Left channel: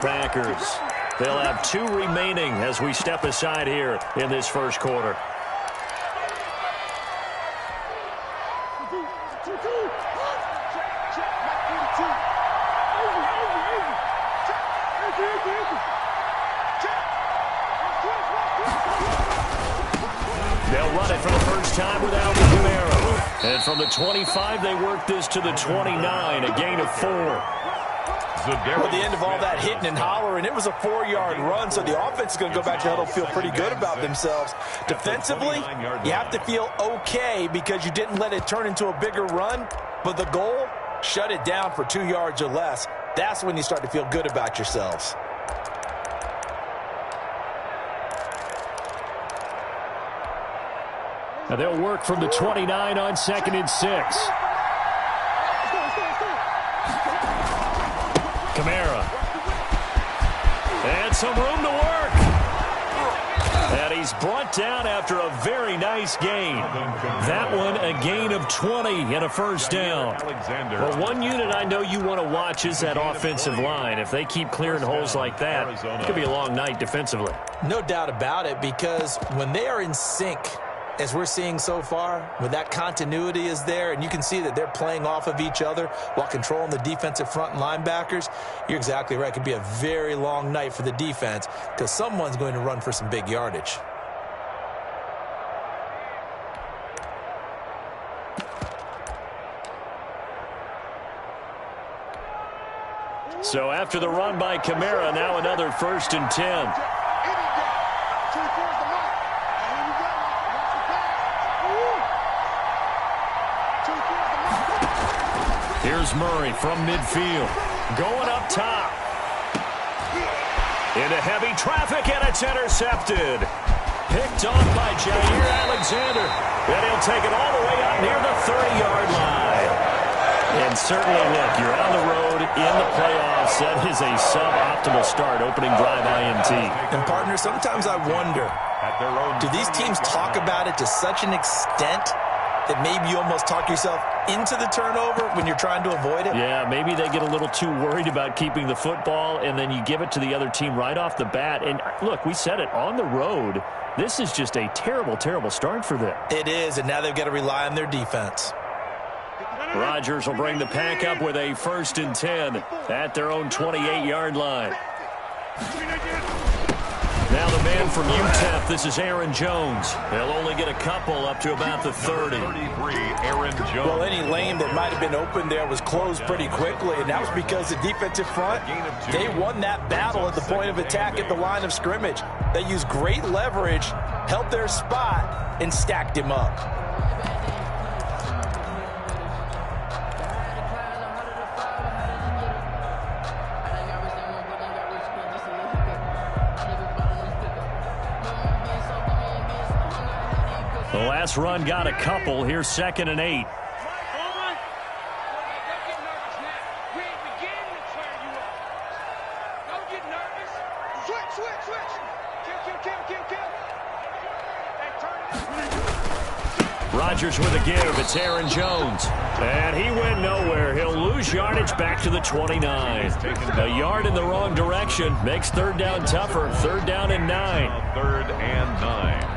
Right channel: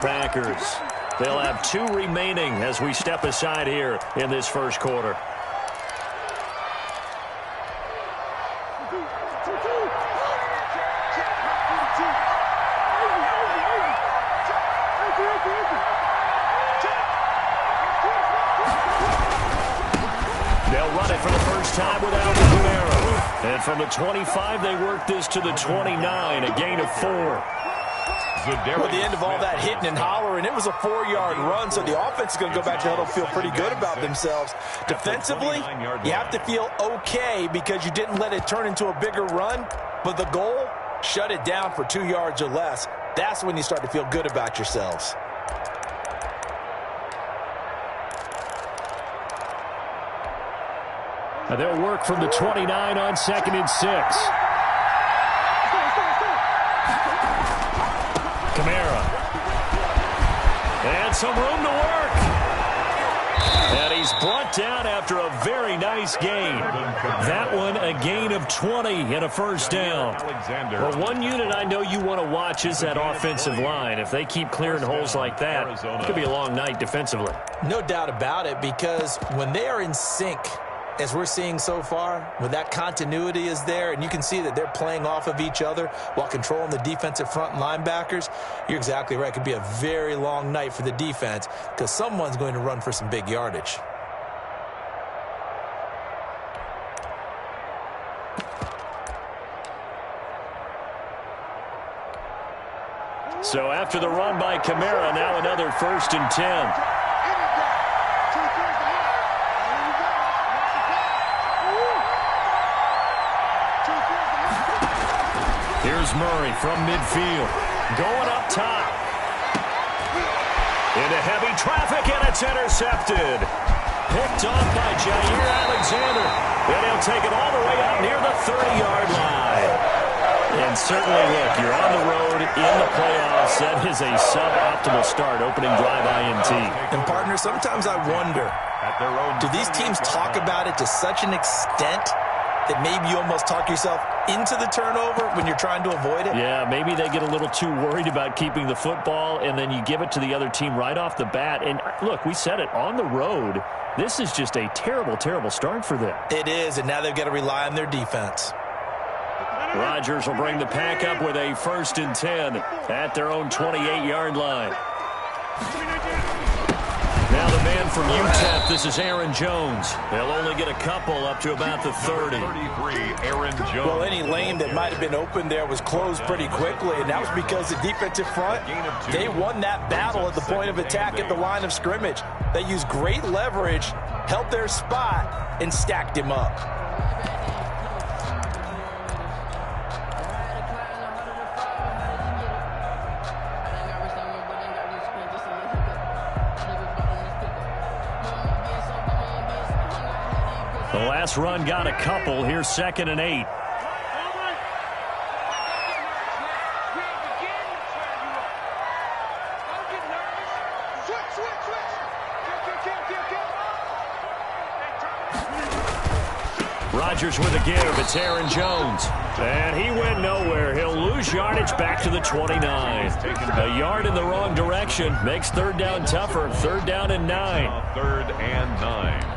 Packers. They'll have 2 remaining as we step aside here in this first quarter. They'll run it for the first time without Kamara. And from the 25, they work this to the 29, a gain of 4. Well, at the end of all that hitting and hollering, it was a 4-yard run, so the offense is going to go back to the huddle, feel pretty good about themselves. Defensively, you have to feel okay because you didn't let it turn into a bigger run, but the goal, shut it down for 2 yards or less. That's when you start to feel good about yourselves. Now they'll work from the 29 on 2nd and 6. Kamara. And some room to work. And he's brought down after a very nice gain. That one a gain of 20 and a first down. Well, one unit I know you want to watch is that offensive line. If they keep clearing holes like that, it could be a long night defensively. No doubt about it, because when they are in sync, as we're seeing so far, when that continuity is there and you can see that they're playing off of each other while controlling the defensive front and linebackers, you're exactly right. It could be a very long night for the defense because someone's going to run for some big yardage. So after the run by Kamara, now another 1st and 10. Here's Murray from midfield. Going up top. Into heavy traffic, and it's intercepted. Picked off by Jair Alexander. And he'll take it all the way out near the 30-yard line. And certainly, look, you're on the road in the playoffs. That is a suboptimal start, opening drive INT. And, partner, sometimes I wonder, do these teams talk about it to such an extent that maybe you almost talk yourself into the turnover when you're trying to avoid it? Yeah, maybe they get a little too worried about keeping the football, and then you give it to the other team right off the bat. And, look, we said it, on the road, this is just a terrible, terrible start for them. It is, and now they've got to rely on their defense. Rodgers will bring the pack up with a 1st and 10 at their own 28-yard line. Now the man from UTEP, this is Aaron Jones. They'll only get a couple up to about the 30. Aaron Jones. Well, any lane that might have been open there was closed pretty quickly, and that was because the defensive front, they won that battle at the point of attack at the line of scrimmage. They used great leverage, held their spot, and stacked him up. The last run got a couple. Here's 2nd and 8. Rodgers with a give. It's Aaron Jones. And he went nowhere. He'll lose yardage back to the 29. A yard in the wrong direction makes 3rd down tougher. 3rd down and 9. 3rd and 9.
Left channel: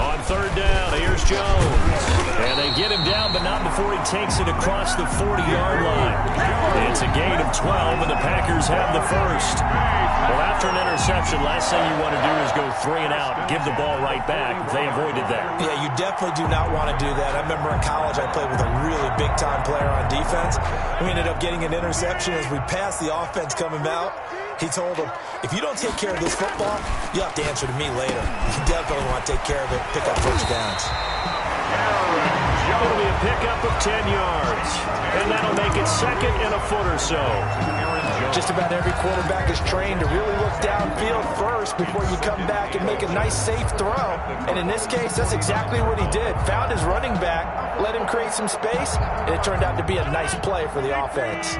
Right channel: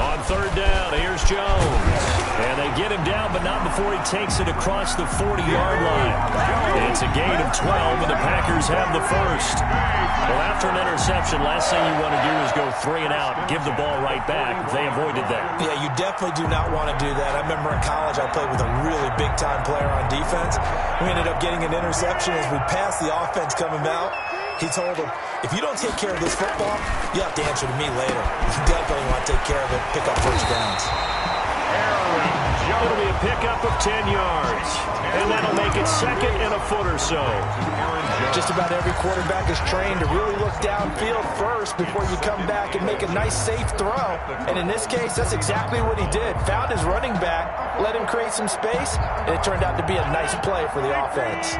On 3rd down, here's Jones. And they get him down, but not before he takes it across the 40-yard line. It's a gain of 12, and the Packers have the first. Well, after an interception, last thing you want to do is go 3 and out, give the ball right back. They avoided that. Yeah, you definitely do not want to do that. I remember in college I played with a really big-time player on defense. We ended up getting an interception as we passed the offense coming out. He told him, if you don't take care of this football, you'll have to answer to me later. You definitely want to take care of it, pick up first downs. It'll be a pickup of 10 yards. And that'll make it second and a foot or so. Just about every quarterback is trained to really look downfield first before you come back and make a nice, safe throw. And in this case, that's exactly what he did. Found his running back, let him create some space, and it turned out to be a nice play for the offense.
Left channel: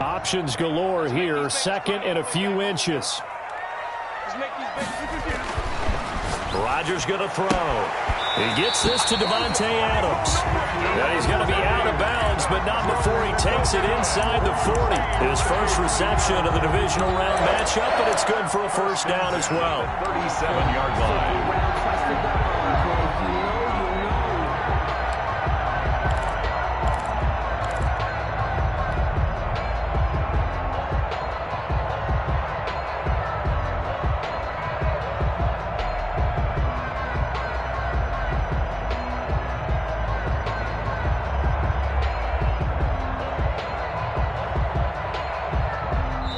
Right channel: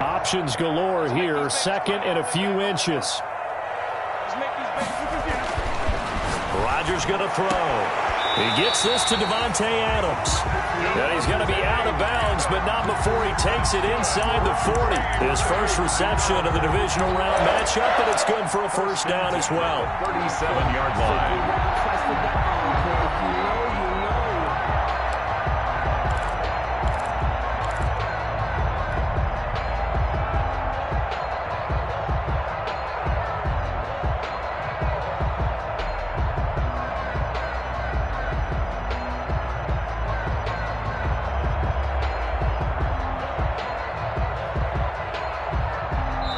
Options galore here, second and a few inches. Rodgers going to throw. He gets this to Devontae Adams. And he's going to be out of bounds, but not before he takes it inside the 40. His first reception of the divisional round matchup, and it's good for a first down as well. 37-yard line.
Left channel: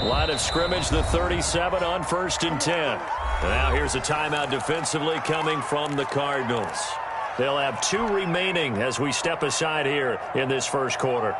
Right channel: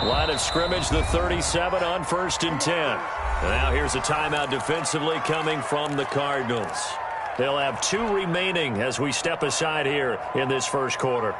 Line of scrimmage, the 37 on 1st and 10. And now here's a timeout defensively coming from the Cardinals. They'll have 2 remaining as we step aside here in this first quarter.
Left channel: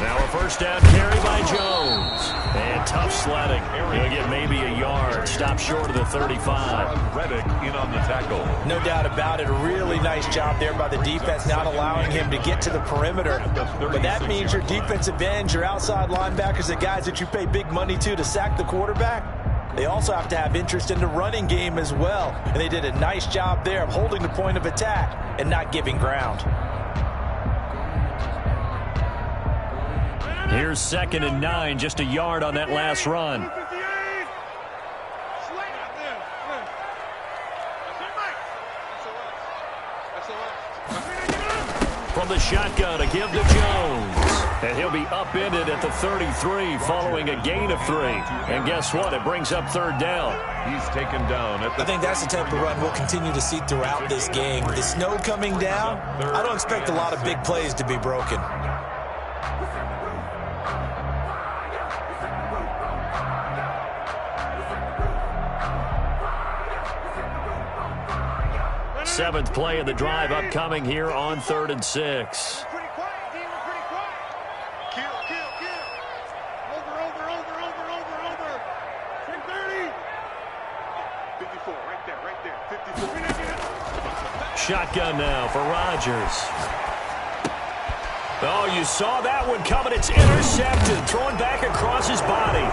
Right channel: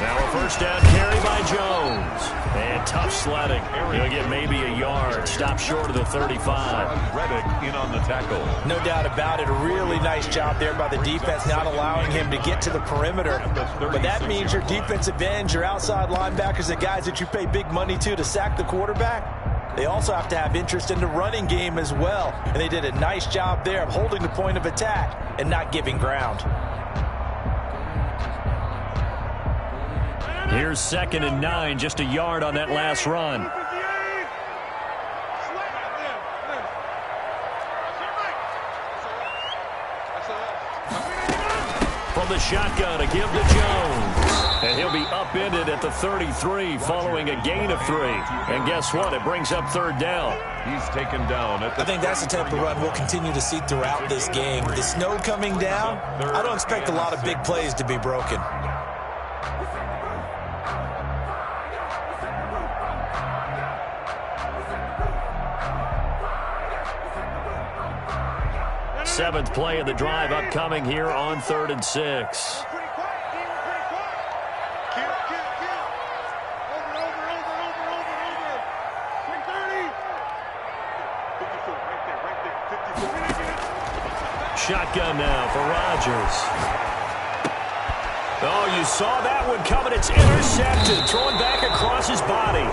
Now a first down carry by Jones. And tough sledding. He'll get maybe a yard. Stop short of the 35. Reddick in on the tackle. No doubt about it. A really nice job there by the defense, not allowing him to get to the perimeter. But that means your defensive ends, your outside linebackers, the guys that you pay big money to sack the quarterback, they also have to have interest in the running game as well. And they did a nice job there of holding the point of attack and not giving ground. Here's 2nd and 9, just a yard on that last run. From the shotgun, a give to Jones. And he'll be upended at the 33 following a gain of 3. And guess what? It brings up 3rd down. He's taken down at the... I think that's the type of run we'll continue to see throughout this game. The snow coming down, I don't expect a lot of big plays to be broken. Seventh play of the drive upcoming here on 3rd and 6. Shotgun now for Rodgers. Oh, you saw that one coming. It's intercepted. Thrown back across his body.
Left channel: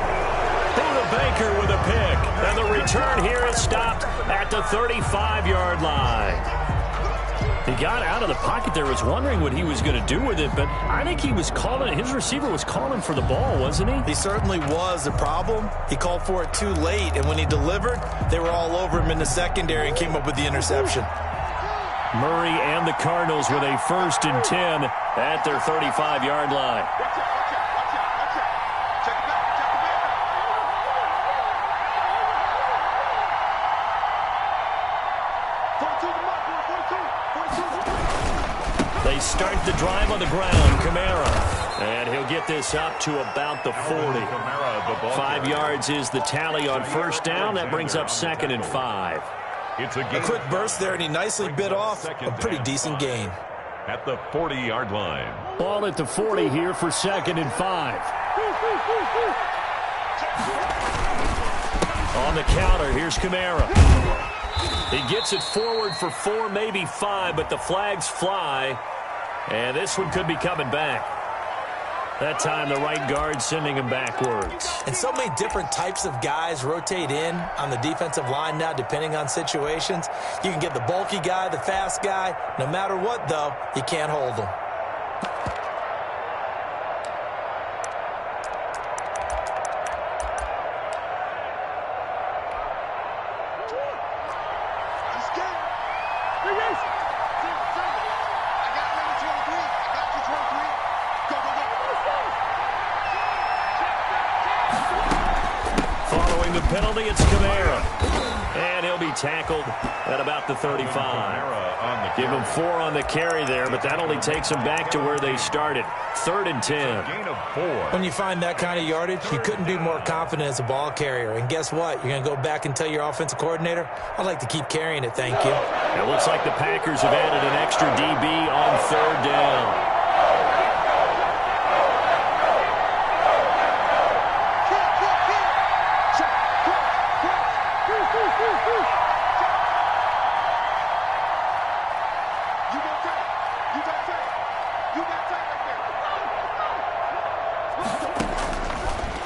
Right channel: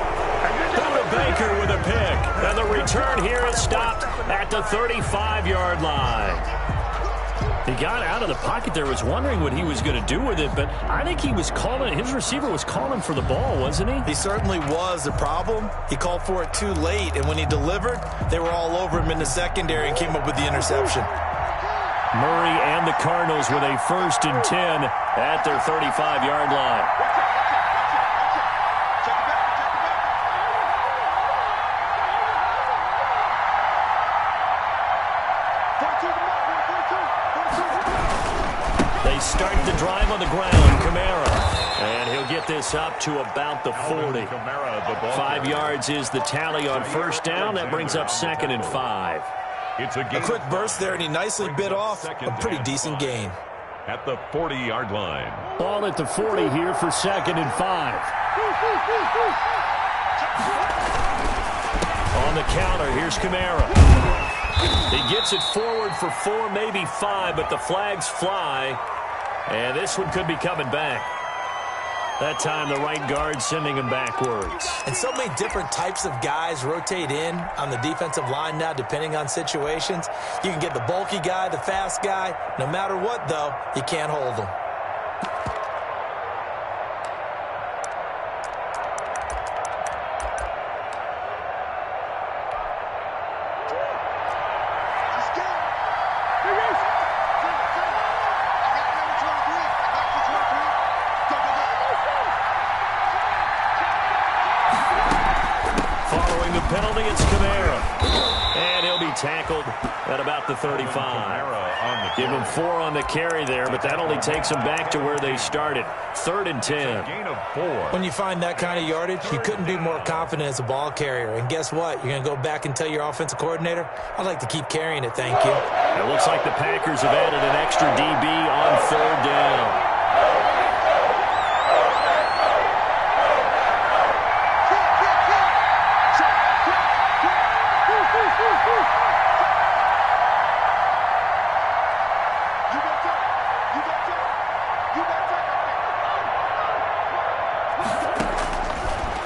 Buda Baker with a pick. And the return here is stopped at the 35-yard line. He got out of the pocket there, was wondering what he was going to do with it, but I think he was calling, his receiver was calling for the ball, wasn't he? He certainly was. The problem, he called for it too late, and when he delivered, they were all over him in the secondary and came up with the interception. Murray and the Cardinals with a 1st and 10 at their 35-yard line. They start the drive on the ground. Kamara. And he'll get this up to about the 40. 5 yards is the tally on 1st down. That brings up 2nd and 5. It's a quick burst there, and he nicely bit off a pretty decent gain. At the 40-yard line. Ball at the 40 here for 2nd and 5. On the counter, here's Kamara. He gets it forward for 4, maybe 5, but the flags fly. And this one could be coming back. That time, the right guard sending him backwards. And so many different types of guys rotate in on the defensive line now, depending on situations. You can get the bulky guy, the fast guy. No matter what, though, you can't hold them. penalty. It's Kamara. And he'll be tackled at about the 35. Give him 4 on the carry there, but that only takes them back to where they started. 3rd and 10. Gain of 4. When you find that kind of yardage, you couldn't be more confident as a ball carrier. And guess what? You're going to go back and tell your offensive coordinator, I'd like to keep carrying it, thank you. It looks like the Packers have added an extra DB on 3rd down.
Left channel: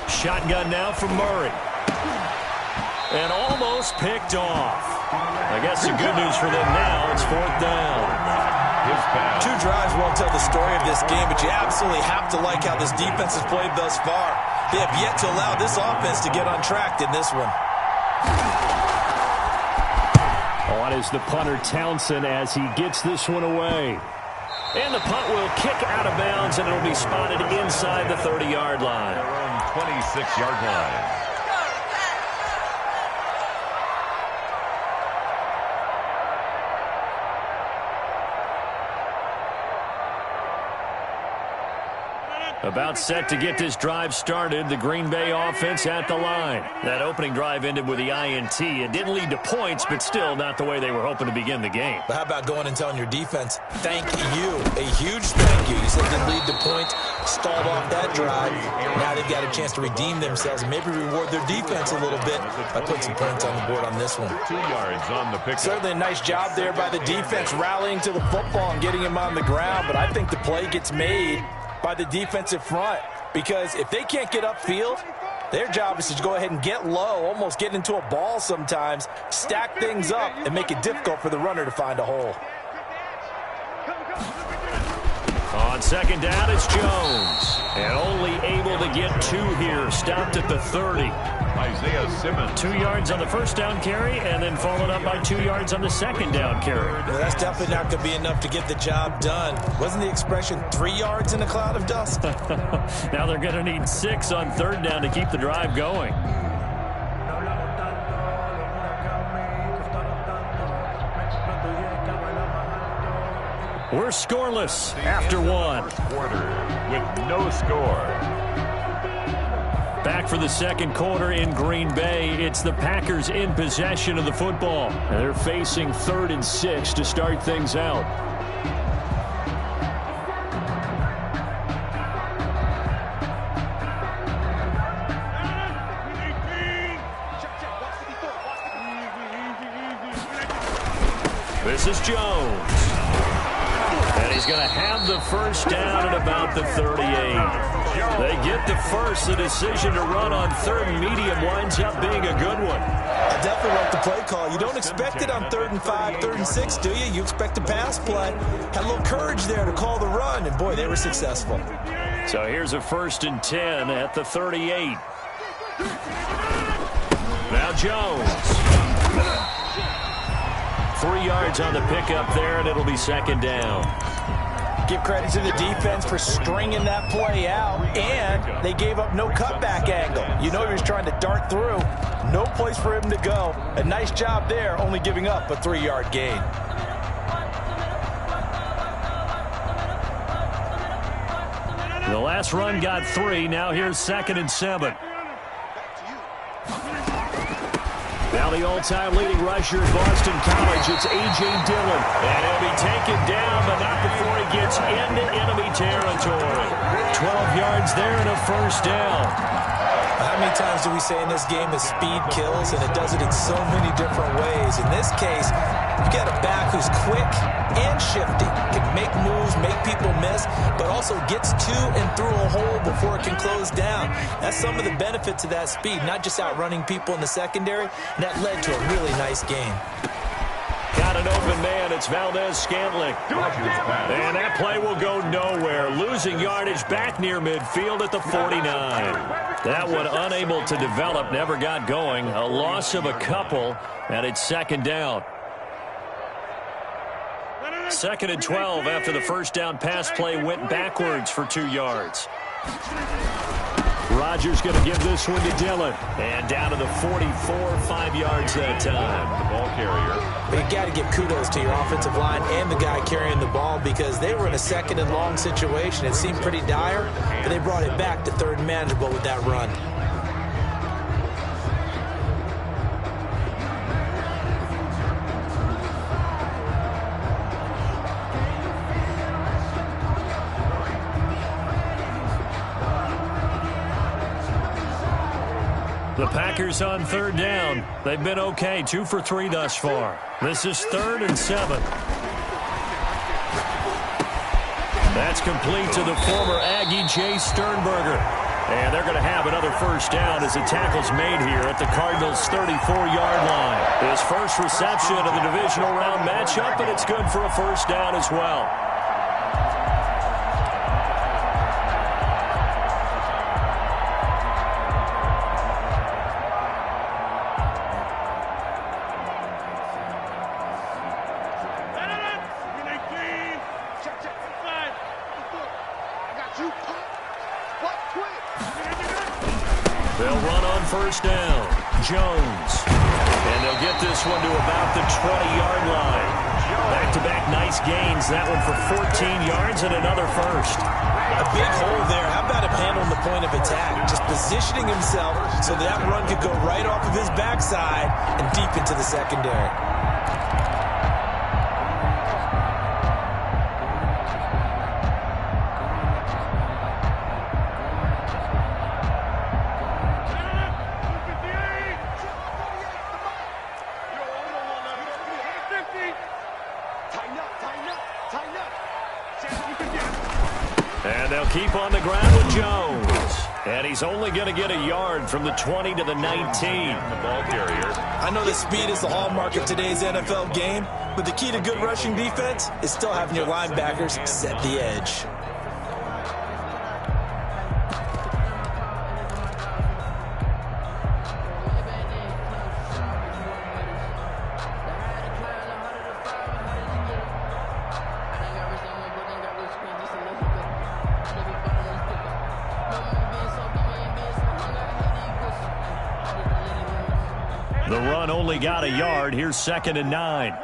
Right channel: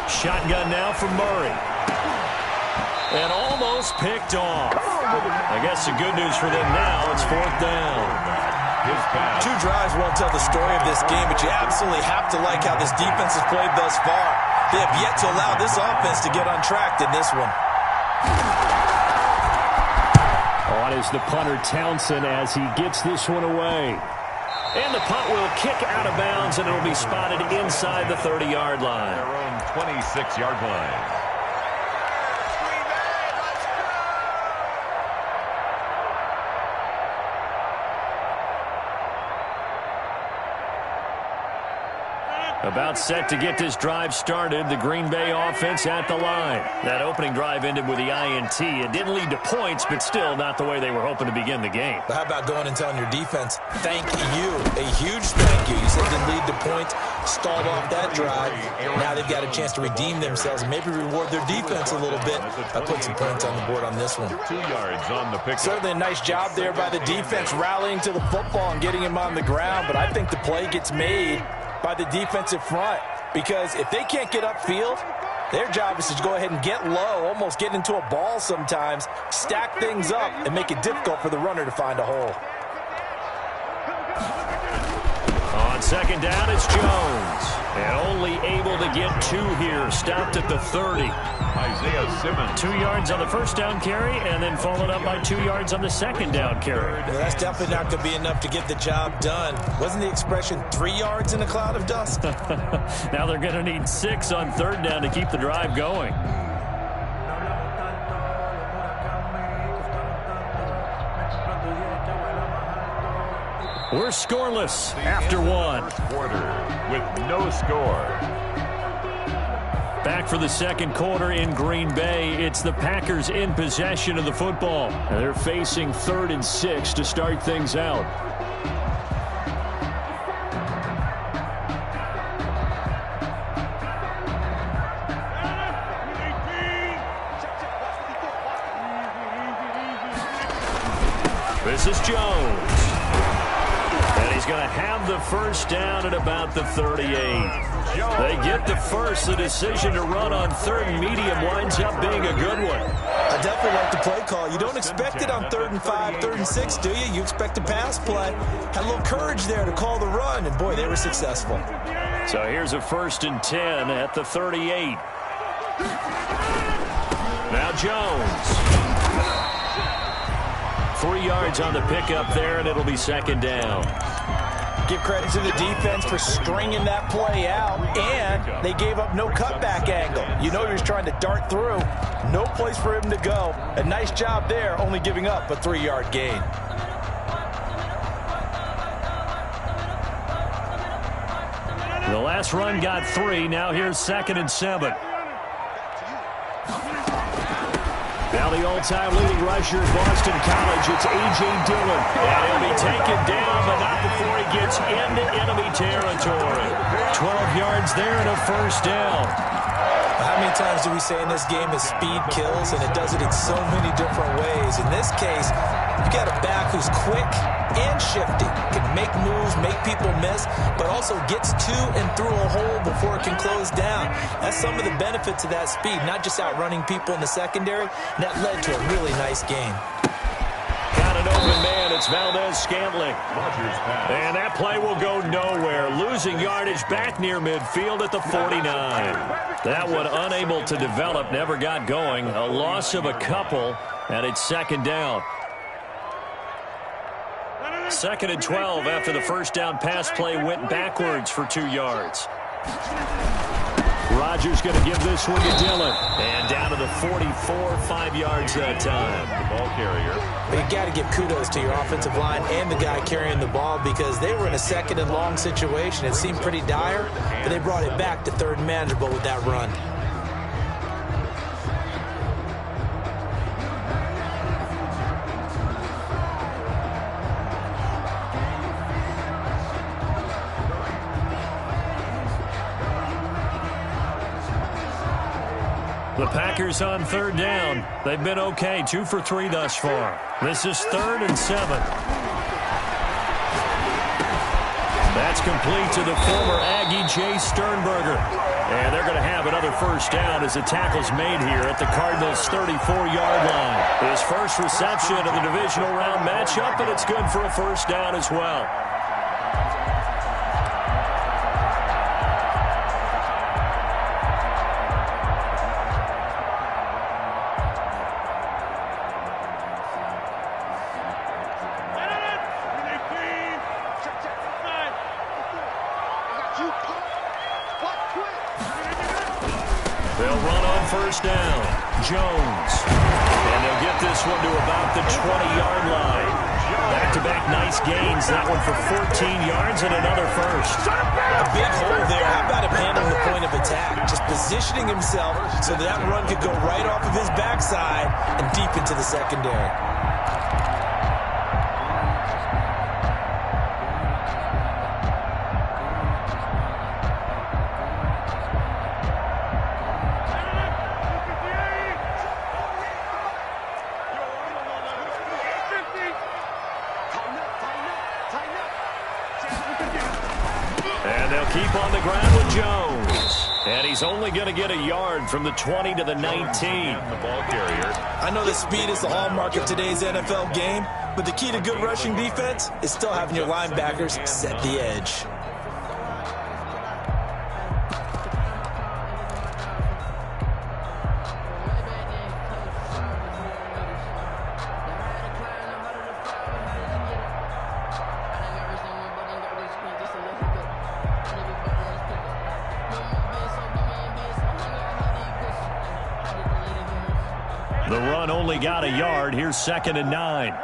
Shotgun now from Murray. And almost picked off. I guess the good news for them now, it's 4th down. 2 drives won't tell the story of this game, but you absolutely have to like how this defense has played thus far. They have yet to allow this offense to get on track in this one. On is the punter Townsend as he gets this one away. And the punt will kick out of bounds, and it'll be spotted inside the 30-yard line. Their own 26-yard line. About set to get this drive started. The Green Bay offense at the line. That opening drive ended with the INT. It didn't lead to points, but still not the way they were hoping to begin the game. But how about going and telling your defense, thank you, a huge thank you. You said it didn't lead to points, stalled off that drive. Now they've got a chance to redeem themselves and maybe reward their defense a little bit by putting some points on the board on this one. 2 yards on the pick. Certainly a nice job there by the defense rallying to the football and getting him on the ground, but I think the play gets made by the defensive front, because if they can't get upfield, their job is to go ahead and get low, almost get into a ball sometimes, stack things up, and make it difficult for the runner to find a hole. On 2nd down, it's Jones. And only able to get 2 here. Stopped at the 30. Isaiah Simmons. 2 yards on the 1st down carry, and then followed up by 2 yards on the 2nd down carry. Well, that's definitely not going to be enough to get the job done. Wasn't the expression 3 yards in a cloud of dust? Now they're going to need 6 on 3rd down to keep the drive going. We're scoreless after 1. First quarter with no score. Back for the 2nd quarter in Green Bay. It's the Packers in possession of the football. And they're facing 3rd and 6 to start things out. This is Jones. And he's going to have the 1st down at about the 38. They get the 1st. The decision to run on 3rd and medium winds up being a good one. I definitely like the play call. You don't expect it on 3rd and 5, 3rd and 6, do you? You expect a pass play. Had a little courage there to call the run, and boy, they were successful. So here's a 1st and 10 at the 38. Now Jones. 3 yards on the pickup there, and it'll be 2nd down. Give credit to the defense for stringing that play out, and they gave up no cutback angle. You know he was trying to dart through. No place for him to go. A nice job there, only giving up a 3-yard gain. The last run got 3. Now here's 2nd and 7. Now the all-time leading rusher at Boston College, it's A.J. Dillon. And he'll be taken down, but not before he gets into enemy territory. 12 yards there and a 1st down. How many times do we say in this game that speed kills, and it does it in so many different ways? In this case, you've got a back who's quick and shifty, can make moves, make people miss, but also gets to and through a hole before it can close down. That's some of the benefits of that speed, not just outrunning people in the secondary. And that led to a really nice game. Got an open man. It's Valdez-Scantling. And that play will go nowhere. Losing yardage back near midfield at the 49. That one unable to develop, never got going. A loss of a couple, and it's 2nd down. 2nd and 12 after the 1st down pass play went backwards for 2 yards. Rodgers going to give this one to Dillon. And down to the 44, 5 yards that time. The ball carrier. But you got to give kudos to your offensive line and the guy carrying the ball because they were in a second and long situation. It seemed pretty dire, but they brought it back to third and manageable with that run. The Packers on third down. They've been okay, 2 for 3 thus far. This is 3rd and 7. That's complete to the former Aggie, Jay Sternberger. And they're going to have another first down as the tackle's made here at the Cardinals' 34-yard line. His first reception of the divisional round matchup, and it's good for a first down as well. They'll run on first down. Jones. And they'll get this one to about the 20-yard line. Back-to-back nice gains. That one for 14 yards and another first. A big hole there. How about him handling the point of attack? Just positioning himself so that run could go right off of his backside and deep into the secondary. And they'll keep on the ground with Jones. And he's only going to get a yard from the 20 to the 19. The ball carrier. I know that speed is the hallmark of today's NFL game, but the key to good rushing defense is still having your linebackers set the edge. The run only got a yard. Here's 2nd and 9.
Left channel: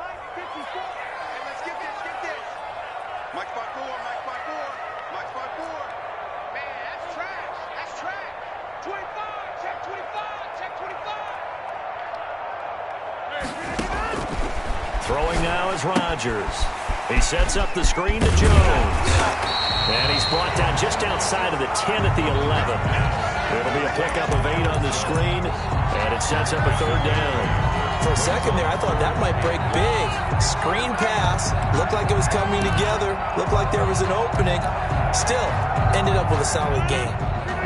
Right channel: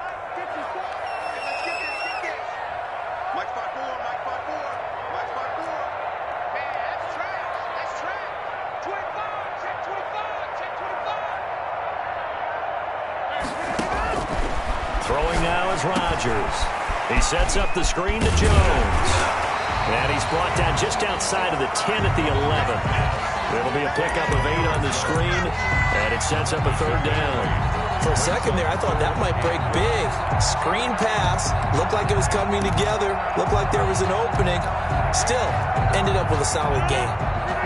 Throwing now is Rodgers. He sets up the screen to Jones. And he's brought down just outside of the 10 at the 11. It'll be a pickup of 8 on the screen, and it sets up a 3rd down. For a second there, I thought that might break big. Screen pass. Looked like it was coming together. Looked like there was an opening. Still, ended up with a solid gain.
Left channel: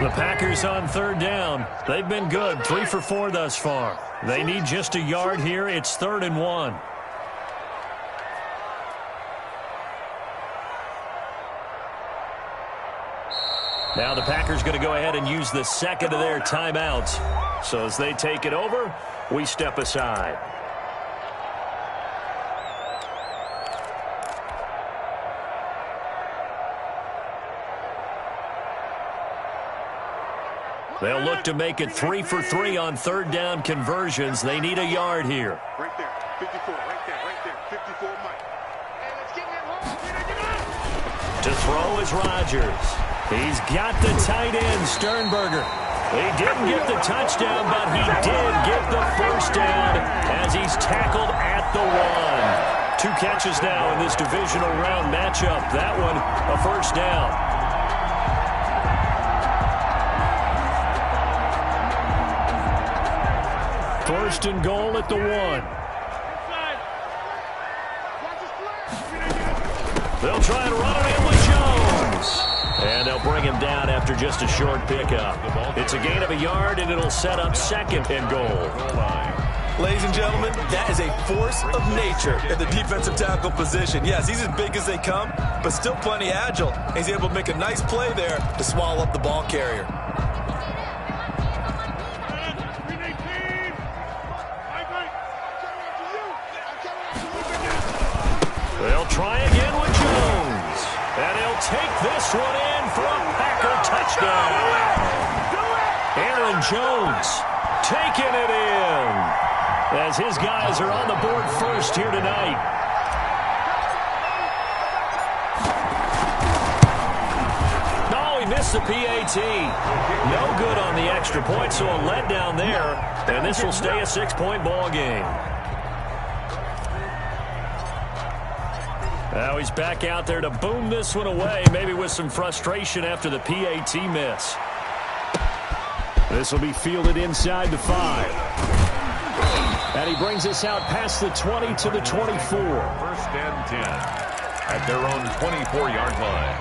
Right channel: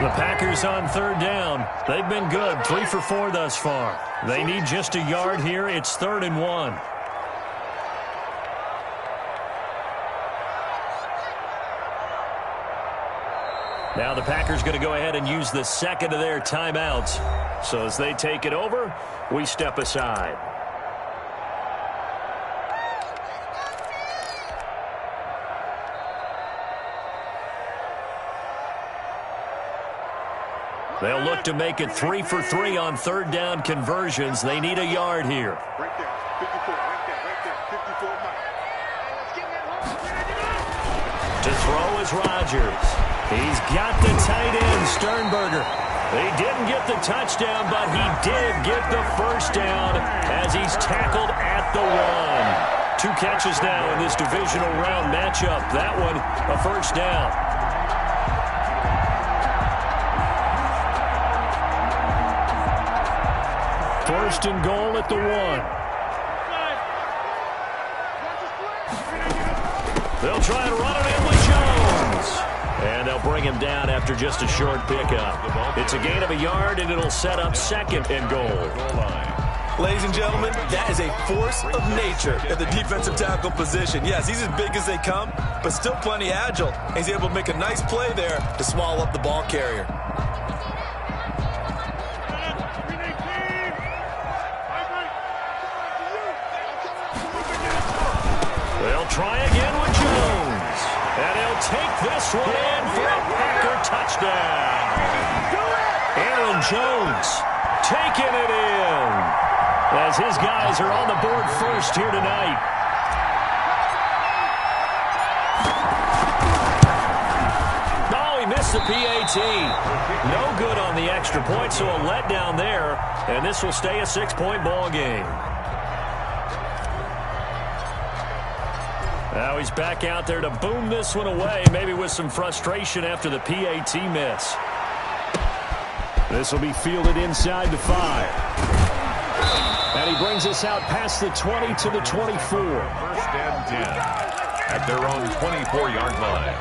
The Packers on 3rd down. They've been good, 3 for 4 thus far. They need just a yard here. It's 3rd and 1. Now the Packers going to go ahead and use the second of their timeouts. So as they take it over, we step aside. They'll look to make it 3 for 3 on 3rd down conversions. They need a yard here. Right there, 54, right there, 54, Mike. Hey, let's get that home. To throw is Rodgers. He's got the tight end, Sternberger. He didn't get the touchdown, but he did get the first down as he's tackled at the 1. 2 catches now in this divisional round matchup. That one, a first down. First and goal at the 1. They'll try and run it in with Jones. And they'll bring him down after just a short pickup. It's a gain of a yard, and it'll set up 2nd and goal. Ladies and gentlemen, that is a force of nature at the defensive tackle position. Yes, he's as big as they come, but still plenty agile. He's able to make a nice play there to swallow up the ball carrier. They'll try again with Jones. And he'll take this one in for a Packer touchdown. Aaron Jones taking it in as his guys are on the board first here tonight. Oh, he missed the PAT. No good on the extra point, so a letdown there, and this will stay a 6-point ball game. Now he's back out there to boom this one away, maybe with some frustration after the PAT miss. This will be fielded inside the 5. And he brings us out past the 20 to the 24. First and 10 at their own 24-yard line.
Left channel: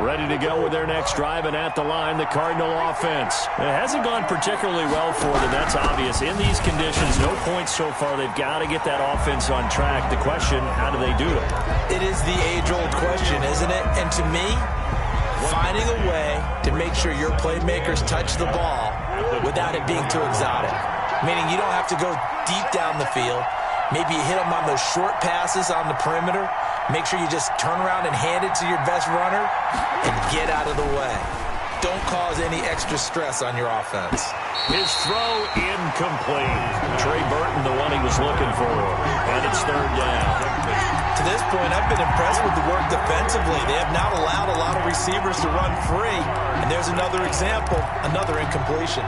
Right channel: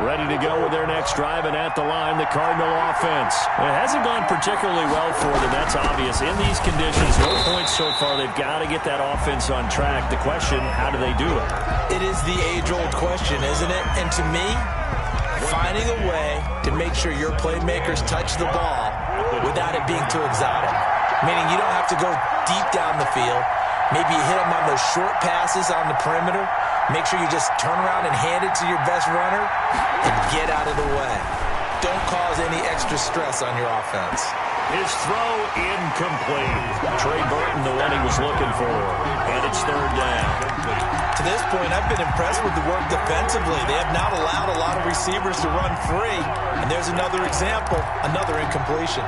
Ready to go with their next drive, and at the line, the Cardinal offense. It hasn't gone particularly well for them, that's obvious. In these conditions, no points so far. They've got to get that offense on track. The question, how do they do it? It is the age-old question, isn't it? And to me, finding a way to make sure your playmakers touch the ball without it being too exotic. Meaning you don't have to go deep down the field. Maybe you hit them on those short passes on the perimeter. Make sure you just turn around and hand it to your best runner and get out of the way. Don't cause any extra stress on your offense. His throw incomplete. Trey Burton, the one he was looking for. And it's third down. To this point, I've been impressed with the work defensively. They have not allowed a lot of receivers to run free. And there's another example, another incompletion.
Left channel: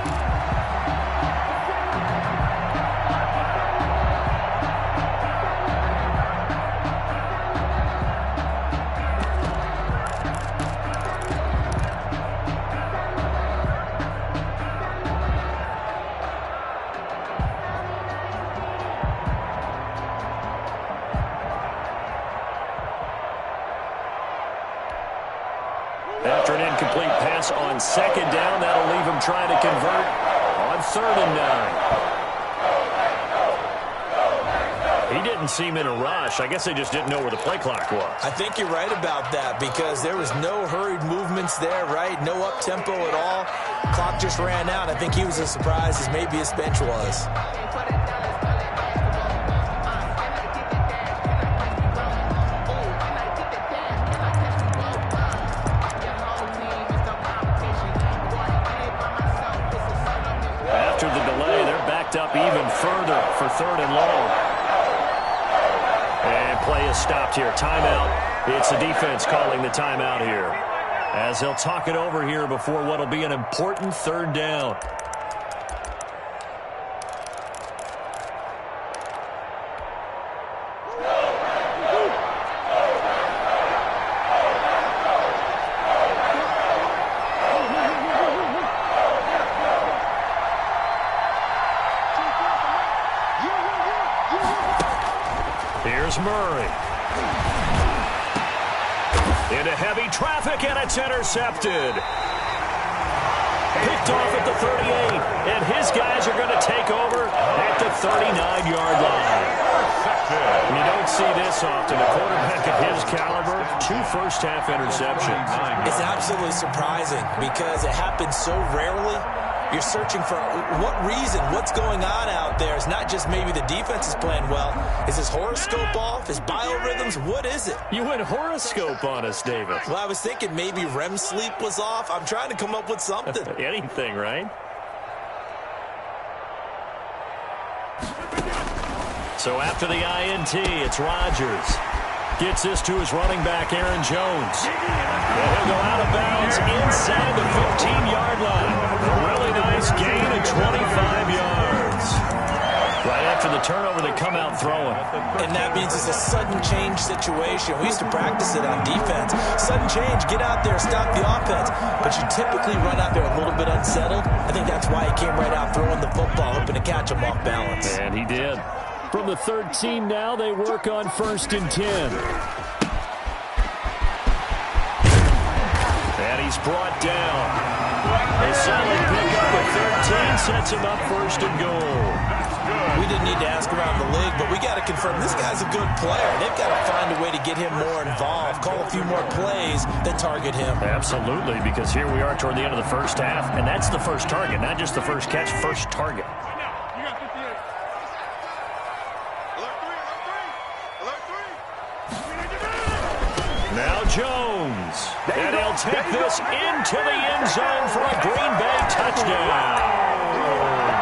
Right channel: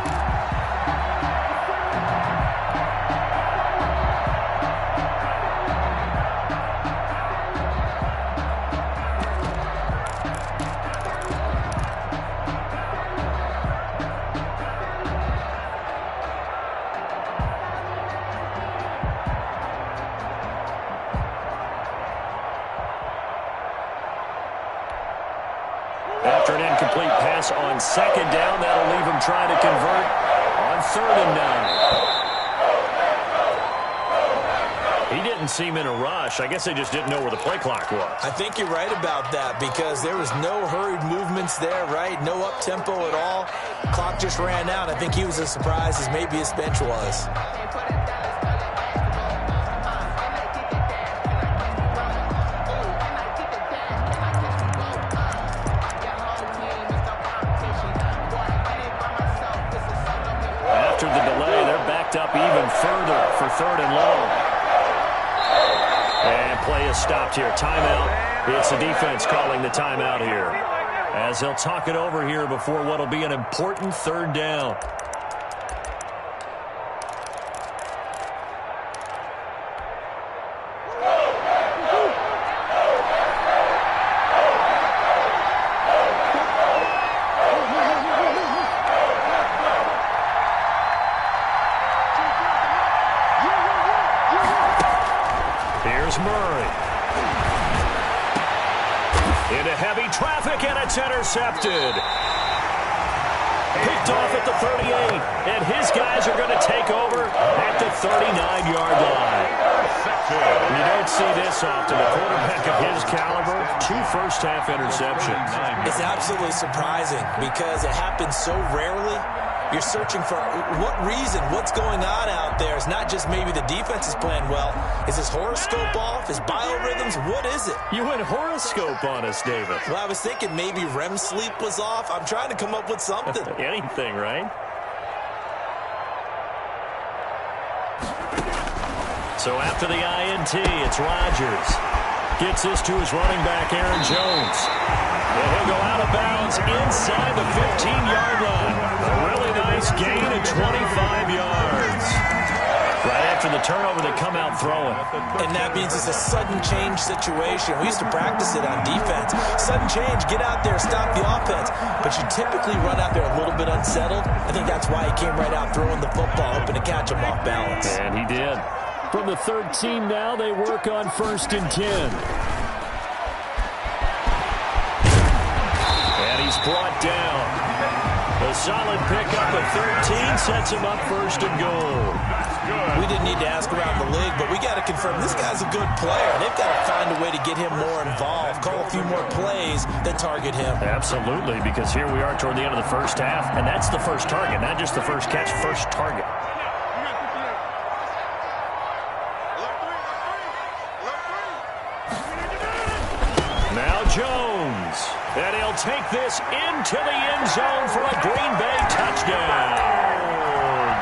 After an incomplete pass on second down, that'll leave him trying to convert on 3rd and 9. He didn't seem in a rush. I guess they just didn't know where the play clock was. I think you're right about that because there was no hurried movements there, right? No up-tempo at all. Clock just ran out. I think he was as surprised as maybe his bench was. After the delay, they're backed up even further for 3rd and long. And play is stopped here. Timeout. It's the defense calling the timeout here, as they'll talk it over here before what will be an important 3rd down. Here's Murray. Into heavy traffic, and it's intercepted. Picked off at the 38, and his guys are going to take over at the 39-yard line. You don't see this often. A quarterback of his caliber, 2 first-half interceptions. It's absolutely surprising because it happens so rarely. You're searching for what reason, what's going on out there. It's not just maybe the defense is playing well. Is his horoscope off? His biorhythms? What is it? You went horoscope on us, David. Well, I was thinking maybe REM sleep was off. I'm trying to come up with something. Anything, right? So after the INT, it's Rodgers. Gets this to his running back, Aaron Jones. And he'll go out of bounds inside the 15-yard line. A really nice gain of 25 yards. Right after the turnover, they come out throwing. And that means it's a sudden change situation. We used to practice it on defense. Sudden change, get out there, stop the offense. But you typically run out there a little bit unsettled. I think that's why he came right out throwing the football, hoping to catch him off balance. And he did. From the 13 now, they work on 1st and 10. And he's brought down. A solid pickup of 13 sets him up 1st and goal. We didn't need to ask around the league, but we got to confirm this guy's a good player. They've got to find a way to get him more involved, call a few more plays that target him. Absolutely, because here we are toward the end of the first half, and that's the first target, not just the first catch, first target. Now Jones, and he'll take this into the end zone for a Green Bay touchdown.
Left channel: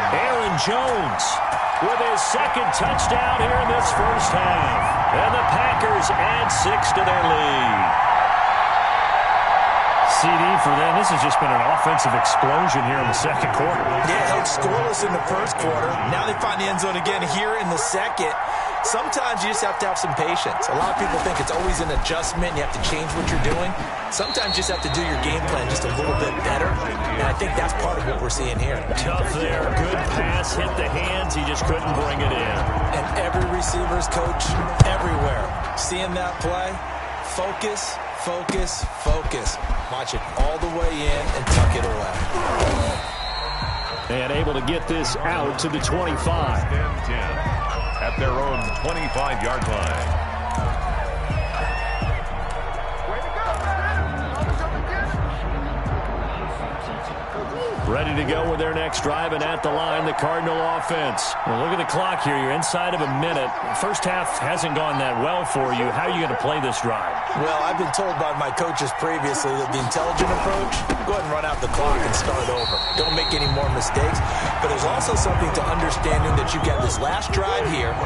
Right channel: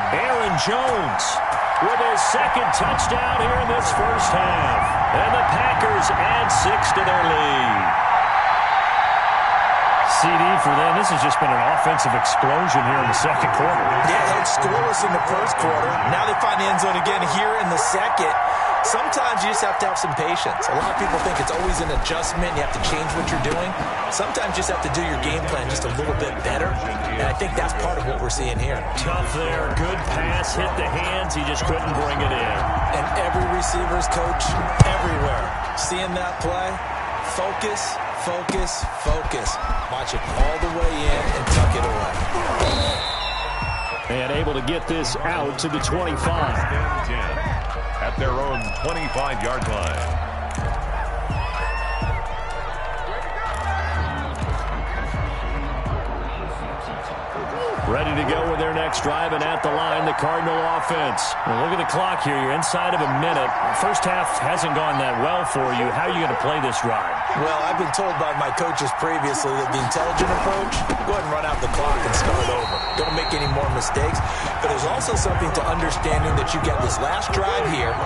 Aaron Jones with his second touchdown here in this first half. And the Packers add 6 to their lead. CD for them. This has just been an offensive explosion here in the second quarter. Yeah, held scoreless in the first quarter. Now they find the end zone again here in the second. Sometimes you just have to have some patience. A lot of people think it's always an adjustment. You have to change what you're doing. Sometimes you just have to do your game plan just a little bit better. And I think that's part of what we're seeing here. Tough there. Good pass. Hit the hands. He just couldn't bring it in. And every receiver's coach everywhere. Seeing that play, focus, focus, focus. Watch it all the way in and tuck it away. And able to get this out to the 25. 10-10 at their own 25-yard line. Ready to go with their next drive, and at the line, the Cardinal offense. Well, look at the clock here. You're inside of a minute. First half hasn't gone that well for you. How are you going to play this drive? Well, I've been told by my coaches previously that the intelligent approach, go ahead and run out the clock and start over. Don't make any more mistakes. But there's also something to understanding that you've got this last drive here.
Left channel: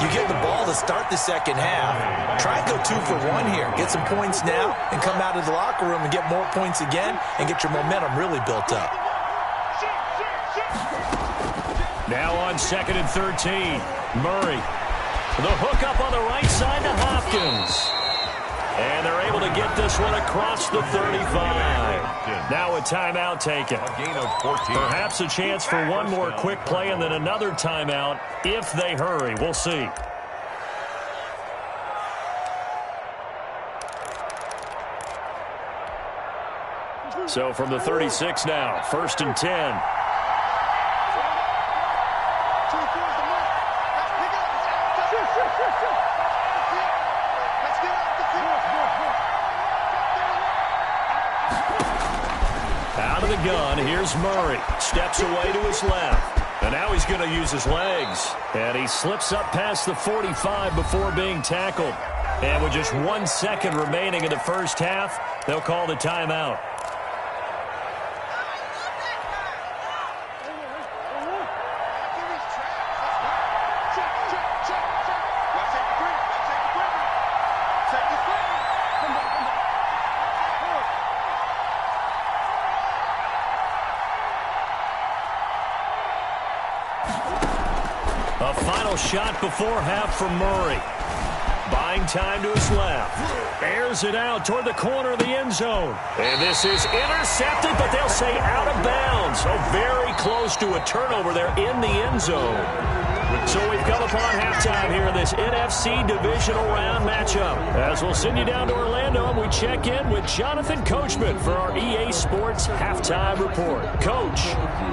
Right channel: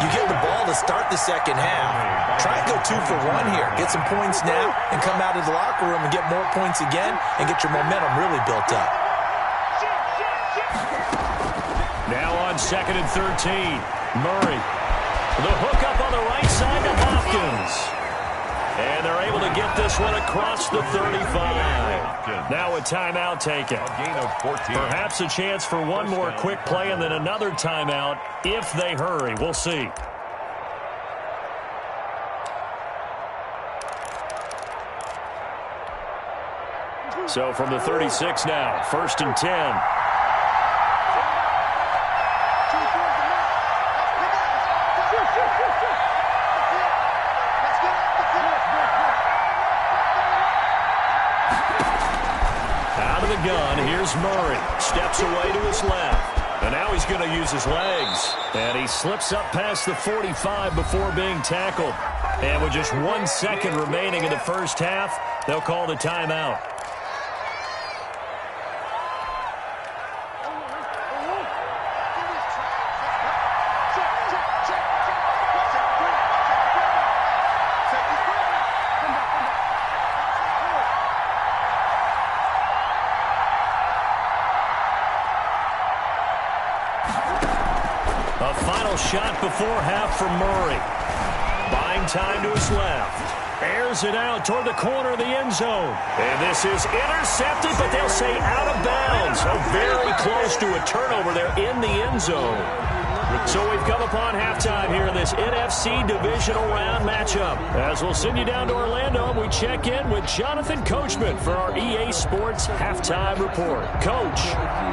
You get the ball to start the second half. Try and go 2 for 1 here. Get some points now and come out of the locker room and get more points again and get your momentum really built up. Now on 2nd and 13, Murray. The hook up on the right side to Hopkins. And they're able to get this one across the 35. Now a timeout taken. A gain of 14. Perhaps a chance for one more quick play and then another timeout if they hurry. We'll see. So from the 36 now, 1st and 10. Out of the gun, here's Murray. Steps away to his left. And now he's going to use his legs. And he slips up past the 45 before being tackled. And with just 1 second remaining in the first half, they'll call the timeout. A final shot before half from Murray. Buying time to his left. Airs it out toward the corner of the end zone. And this is intercepted, but they'll say out of bounds. So very close to a turnover there in the end zone. So we've come upon halftime here in this NFC Divisional Round matchup. As we'll send you down to Orlando, and we check in with Jonathan Coachman for our EA Sports Halftime Report. Coach.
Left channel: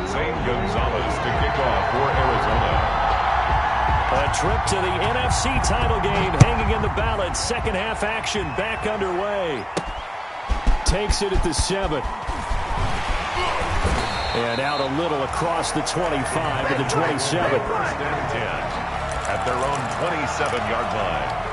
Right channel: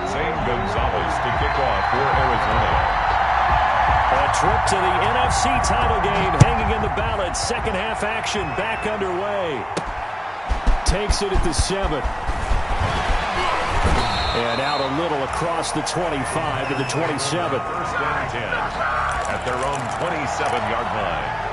Zane Gonzalez to kick off for Arizona. A trip to the NFC title game hanging in the balance. Second half action back underway. Takes it at the 7. And out a little across the 25 to the 27. 1st and 10 at their own 27-yard line.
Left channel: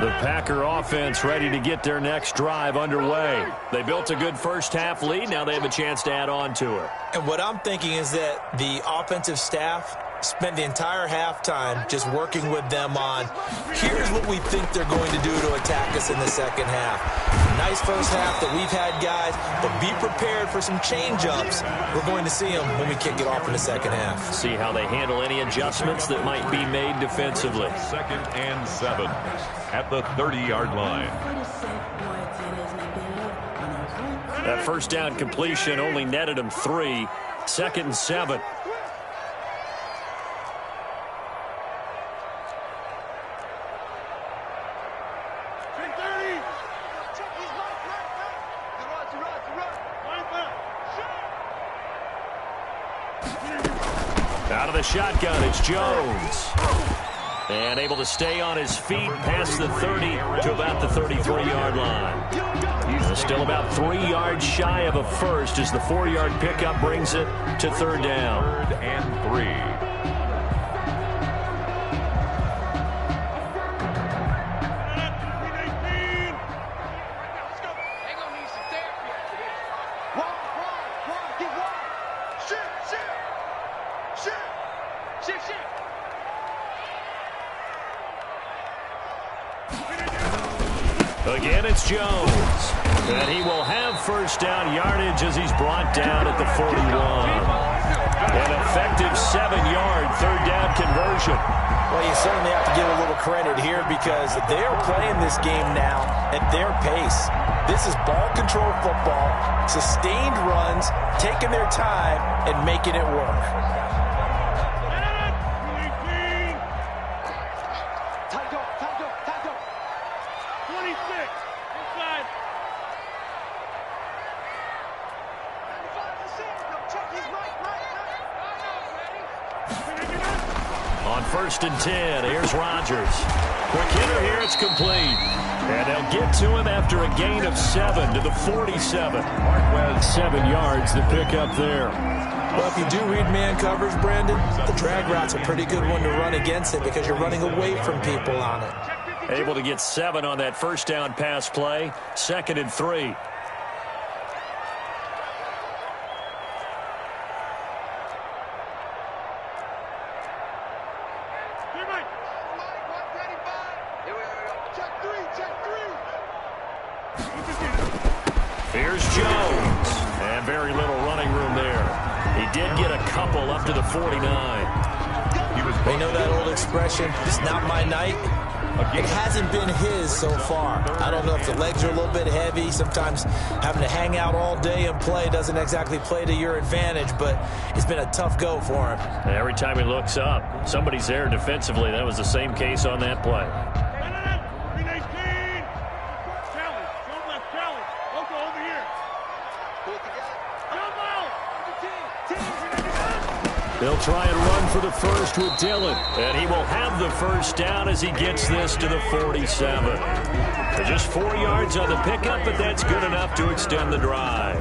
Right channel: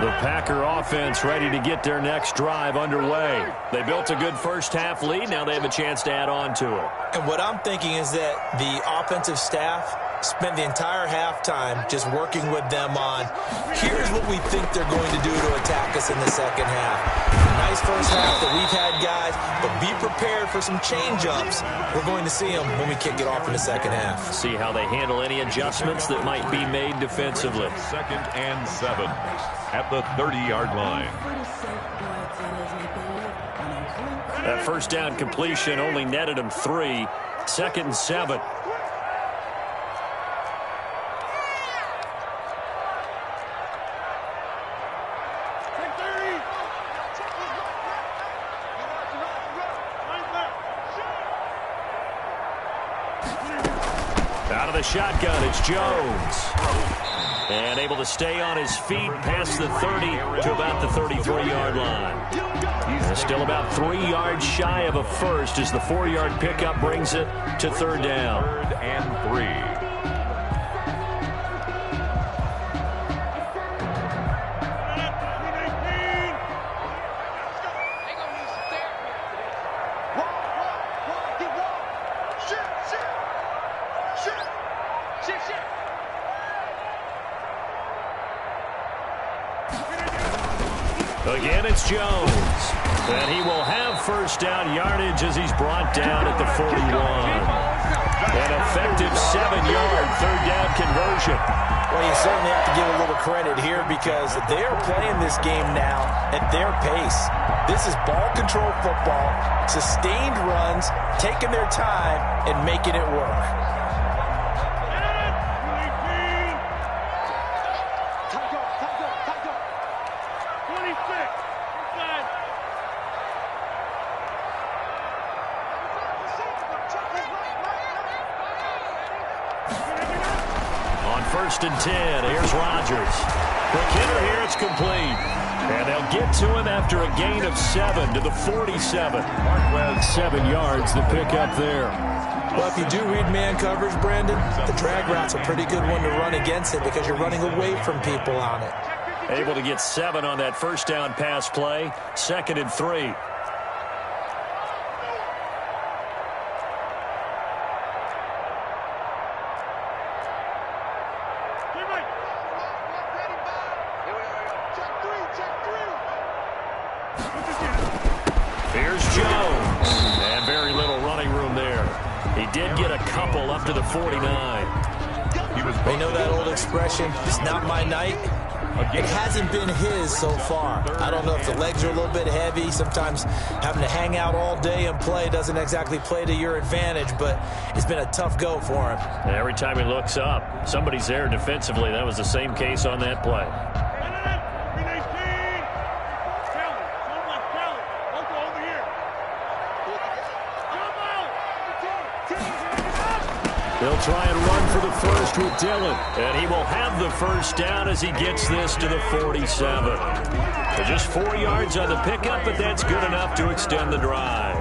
The Packer offense ready to get their next drive underway. They built a good first half lead. Now they have a chance to add on to it. And what I'm thinking is that the offensive staff spent the entire halftime just working with them on, here's what we think they're going to do to attack us in the second half. Nice first half that we've had, guys, but be prepared for some change-ups. We're going to see them when we kick it off in the second half. See how they handle any adjustments that might be made defensively. 2nd and 7 at the 30-yard line. That first down completion only netted him 3. 2nd and 7. Out of the shotgun, it's Jones. And able to stay on his feet past the 30 to about the 33-yard line. Still about 3 yards shy of a first as the 4-yard pickup brings it to third down. 3rd and 3. Again, it's Jones. And he will have first down yardage as he's brought down at the 41. An effective 7-yard third down conversion. Well, you certainly have to give a little credit here because they are playing this game now at their pace. This is ball control football, sustained runs, taking their time and making it work. On 1st and 10, here's Rodgers. Quick hitter here, it's complete. And they'll get to him after a gain of 7 to the 47. 7 yards, the pickup there. Well, if you do read man coverage, Brandon, the drag route's a pretty good one to run against it because you're running away from people on it. Able to get 7 on that first down pass play. 2nd and 3. Here's Jones. And very little running room there. He did get a couple up to the 49. They know that old expression, it's not my night. It hasn't been his so far. I don't know if the legs are a little bit heavy. Sometimes having to hang out all day and play doesn't exactly play to your advantage, but it's been a tough go for him. Every time he looks up, somebody's there defensively. That was the same case on that play. They'll try and run for the first with Dillon. And he will have the first down as he gets this to the 47. So just 4 yards on the pickup, but that's good enough to extend the drive.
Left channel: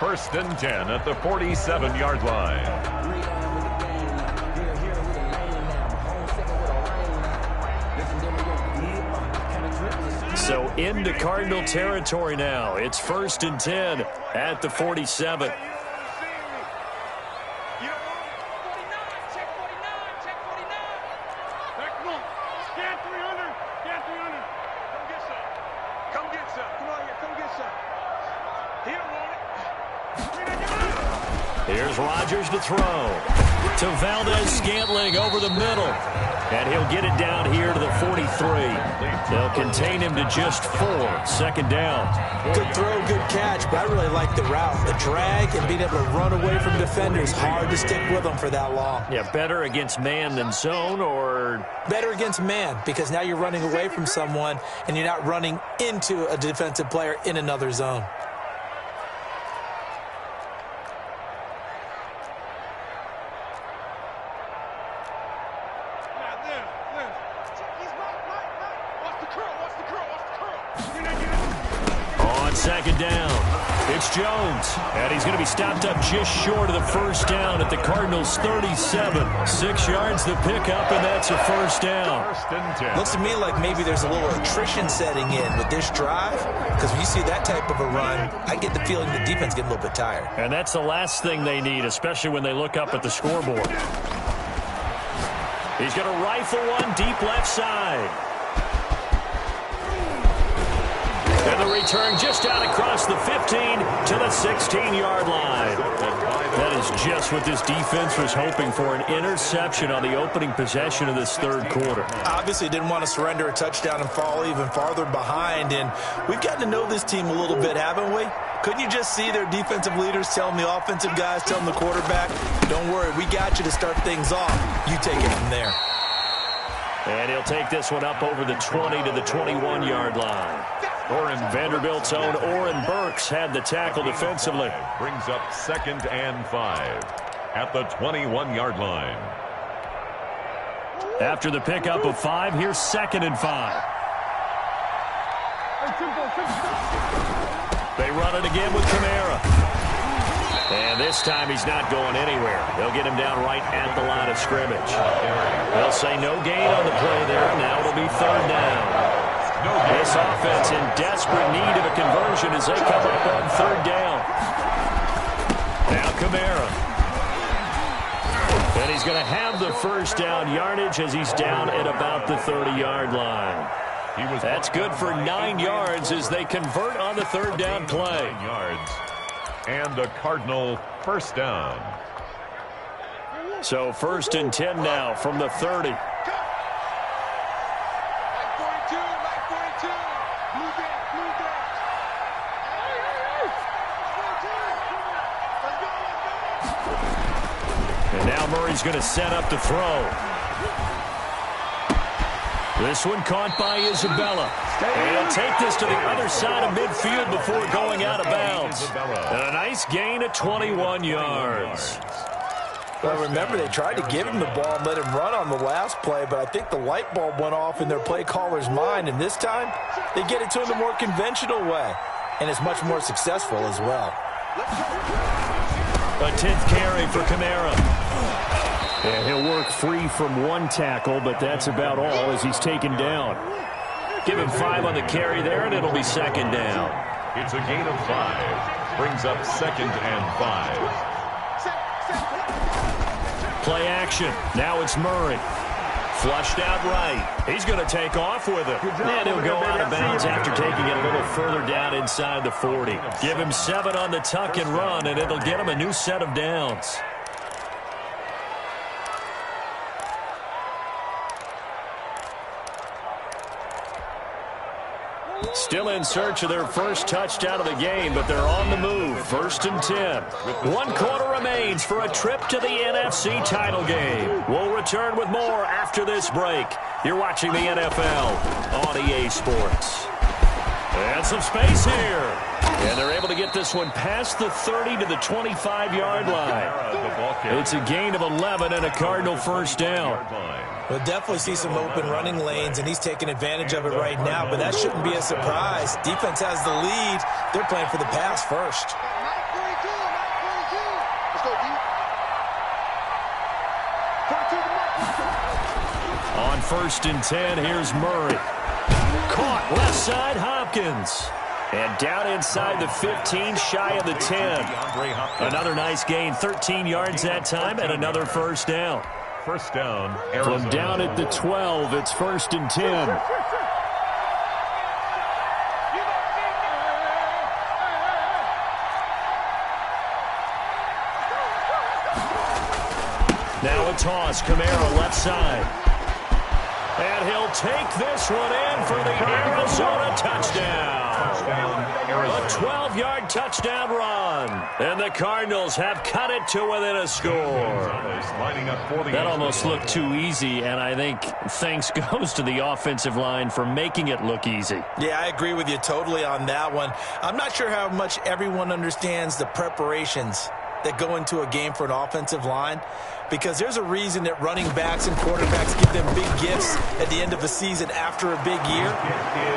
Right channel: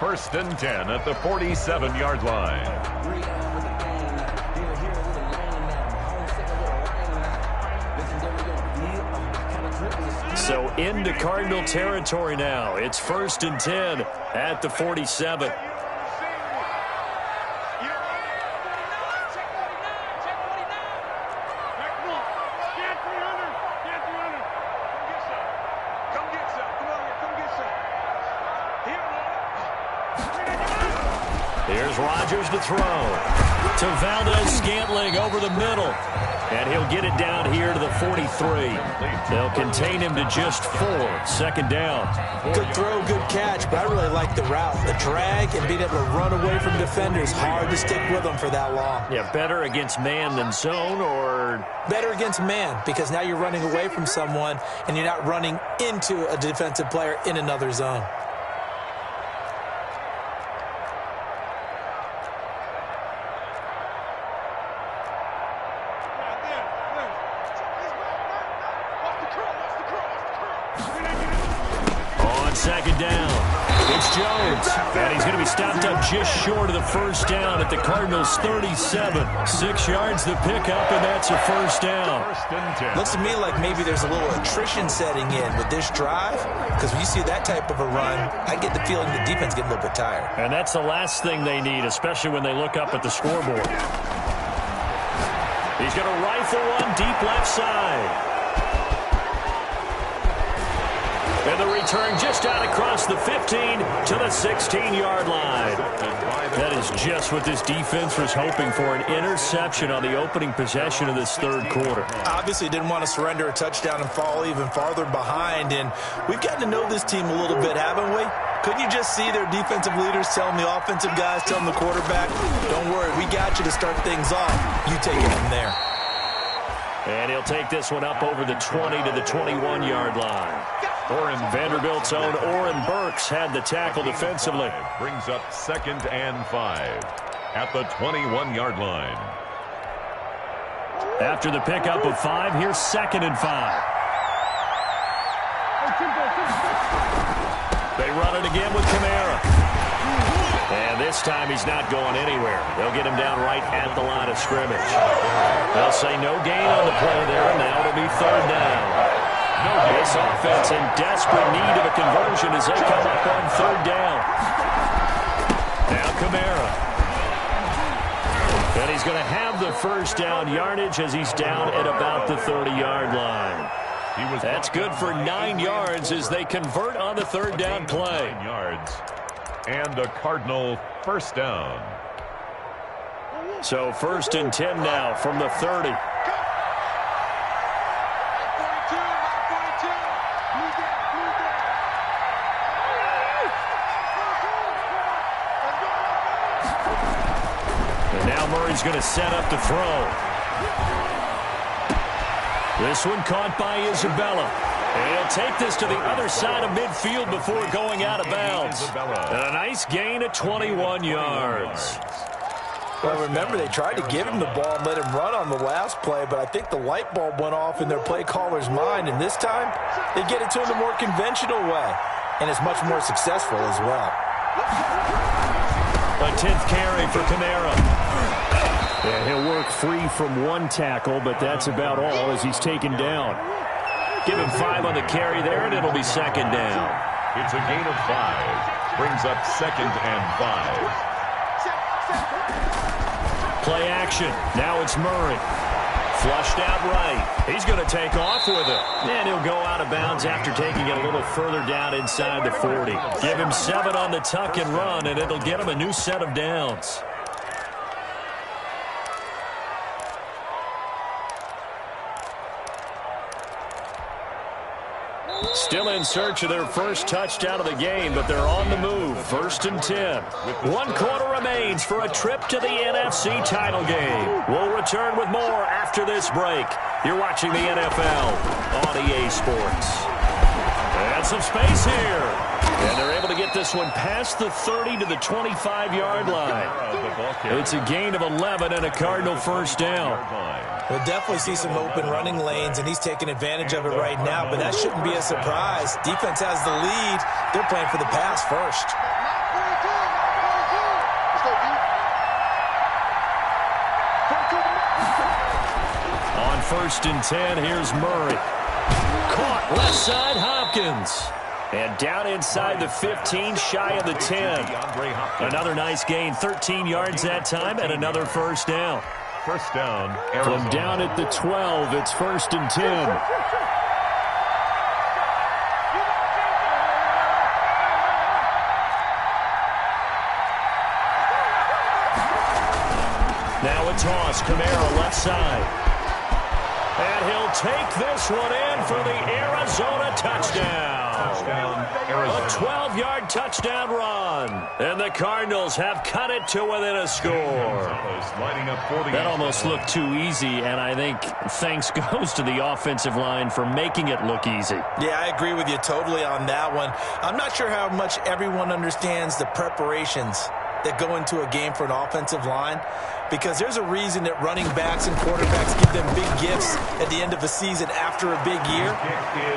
1st and 10 at the 47-yard line. So into Cardinal territory now. It's 1st and 10 at the 47. Here's Rodgers to throw. To Valdez-Scantling over the middle. And he'll get it down here to the 43. They'll contain him to just 4. 2nd down. Good throw, good catch, but I really like the route. The drag and being able to run away from defenders. Hard to stick with them for that long. Yeah, better against man than zone, or? Better against man, because now you're running away from someone and you're not running into a defensive player in another zone. On 2nd down, it's Jones. And he's going to be stopped up just short of the first down at the Cardinals' 37. 6 yards the pickup, and that's a first down. 1st and 10. Looks to me like maybe there's a little attrition setting in with this drive, because when you see that type of a run, I get the feeling the defense getting a little bit tired. And that's the last thing they need, especially when they look up at the scoreboard. He's going to rifle one deep left side. And the return just out across the 15 to the 16-yard line. That is just what this defense was hoping for, an interception on the opening possession of this third quarter. Obviously didn't want to surrender a touchdown and fall even farther behind, and we've gotten to know this team a little bit, haven't we? Couldn't you just see their defensive leaders telling the offensive guys, telling the quarterback, don't worry, we got you to start things off. You take it from there. And he'll take this one up over the 20 to the 21-yard line. Vanderbilt's own Oren Burks had the tackle defensively. Brings up 2nd and 5 at the 21-yard line. After the pickup of 5, here's 2nd and 5. They run it again with Kamara. And this time he's not going anywhere. They'll get him down right at the line of scrimmage. They'll say no gain on the play there. Now it'll be 3rd down. This offense in desperate need of a conversion as they come up on 3rd down. Now Kamara. And he's going to have the 1st down yardage as he's down at about the 30-yard line. That's good for 9 yards as they convert on the 3rd down play. 9 yards. And a Cardinal 1st down. So 1st and 10 now from the 30. And now Murray's going to set up the throw. This one caught by Isabella. And he'll take this to the other side of midfield before going out of bounds. And a nice gain of 21 yards. Well, remember, they tried to give him the ball and let him run on the last play, but I think the light bulb went off in their play caller's mind, and this time they get it to him the more conventional way, and it's much more successful as well. A 10th carry for Kamara. And he'll work free from 1 tackle, but that's about all as he's taken down. Give him 5 on the carry there, and it'll be 2nd down. It's a gain of 5. Brings up 2nd and 5. Play action. Now it's Murray. Flushed out right. He's going to take off with it. And he'll go out of bounds after taking it a little further down inside the 40. Give him 7 on the tuck and run, and it'll get him a new set of downs. Still in search of their 1st touchdown of the game, but they're on the move. 1st and 10. 1 quarter remains for a trip to the NFC title game. We'll return with more after this break. You're watching the NFL on EA Sports. And some space here. And they're able to get this one past the 30 to the 25-yard line. It's a gain of 11 and a Cardinal 1st down. We'll definitely see some open running lanes, and he's taking advantage of it right now, but that shouldn't be a surprise. Defense has the lead. They're playing for the pass first. Let's go, D. On 1st and 10, here's Murray. Caught left side, Hopkins. And down inside the 15, shy of the 10. Another nice gain, 13 yards that time, and another 1st down. 1st down, Arizona. From down at the 12, it's 1st and 10. Now a toss, Kamara left side. And he'll take this one in for the Arizona touchdown. A 12-yard touchdown run. And the Cardinals have cut it to within a score. That almost looked too easy, and I think thanks goes to the offensive line for making it look easy. Yeah, I agree with you totally on that one. I'm not sure how much everyone understands the preparations that go into a game for an offensive line, because there's a reason that running backs and quarterbacks give them big gifts at the end of a season after a big year.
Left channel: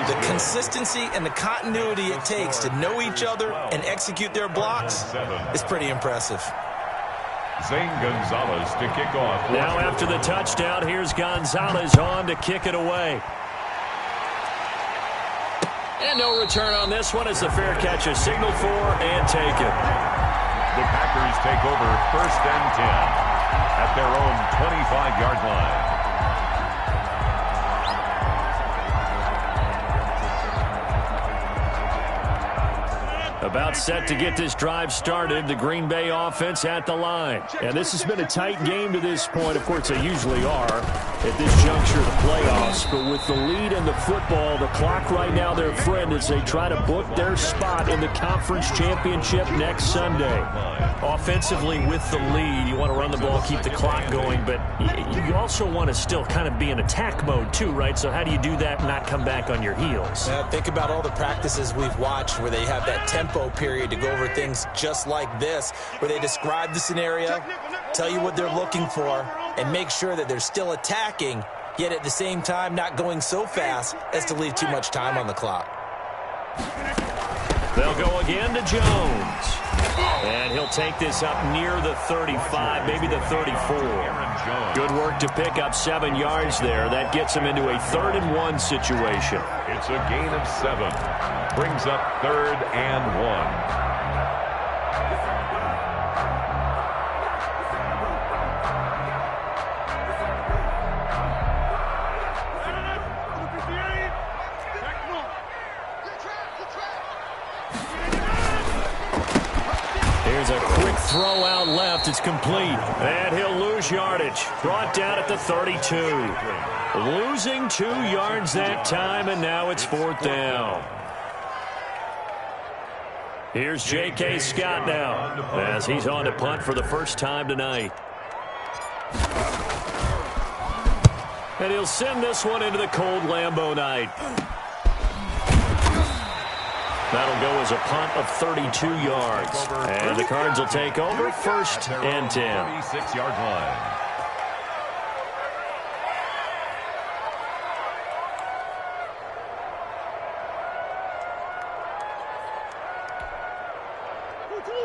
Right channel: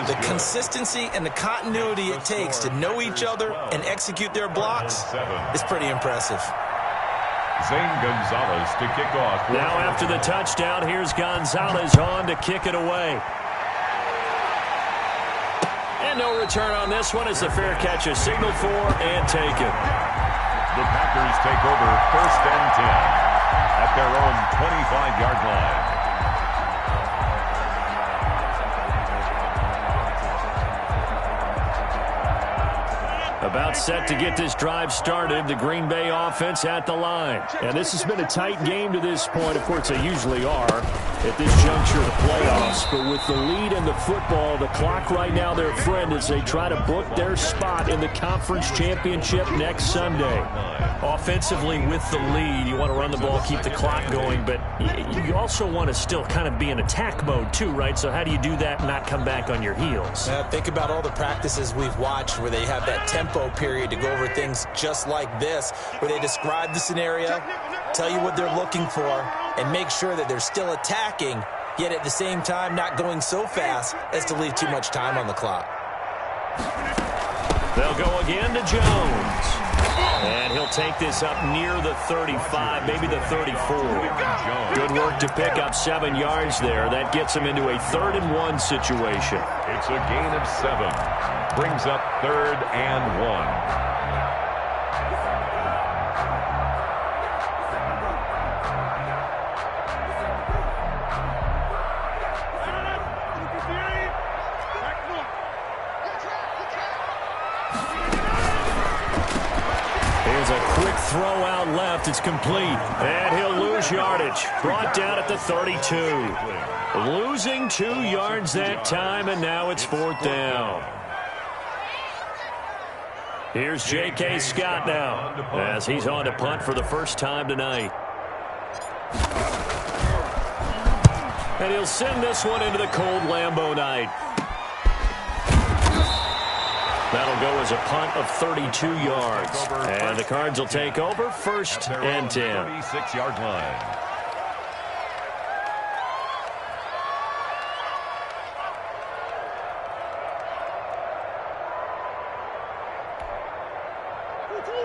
The consistency and the continuity it takes to know each other and execute their blocks is pretty impressive. Zane Gonzalez to kick off. Now after the touchdown, here's Gonzalez on to kick it away. And no return on this one as the fair catch is signaled for and taken. The Packers take over 1st and 10 at their own 25-yard line. About set to get this drive started. The Green Bay offense at the line. And this has been a tight game to this point. Of course, they usually are at this juncture of the playoffs. But with the lead in the football, the clock right now their friend as they try to book their spot in the conference championship next Sunday. Offensively with the lead, you want to run the ball, keep the clock going. But you also want to still kind of be in attack mode too, right? So how do you do that and not come back on your heels? Think about all the practices we've watched where they have that tempo period to go over things just like this, where they describe the scenario, tell you what they're looking for, and make sure that they're still attacking, yet at the same time not going so fast as to leave too much time on the clock. They'll go again to Jones. And he'll take this up near the 35, maybe the 34. Good work to pick up 7 yards there. That gets him into a 3rd-and-1 situation. It's a gain of 7. Brings up 3rd and 1. Here's a quick throw out left. It's complete. And he'll lose yardage. Brought down at the 32. Losing 2 yards that time, and now it's 4th down. Here's J.K. Scott now as he's on to punt for the first time tonight. And he'll send this one into the cold Lambeau night. That'll go as a punt of 32 yards. And the Cards will take over 1st and 10. 36-yard line.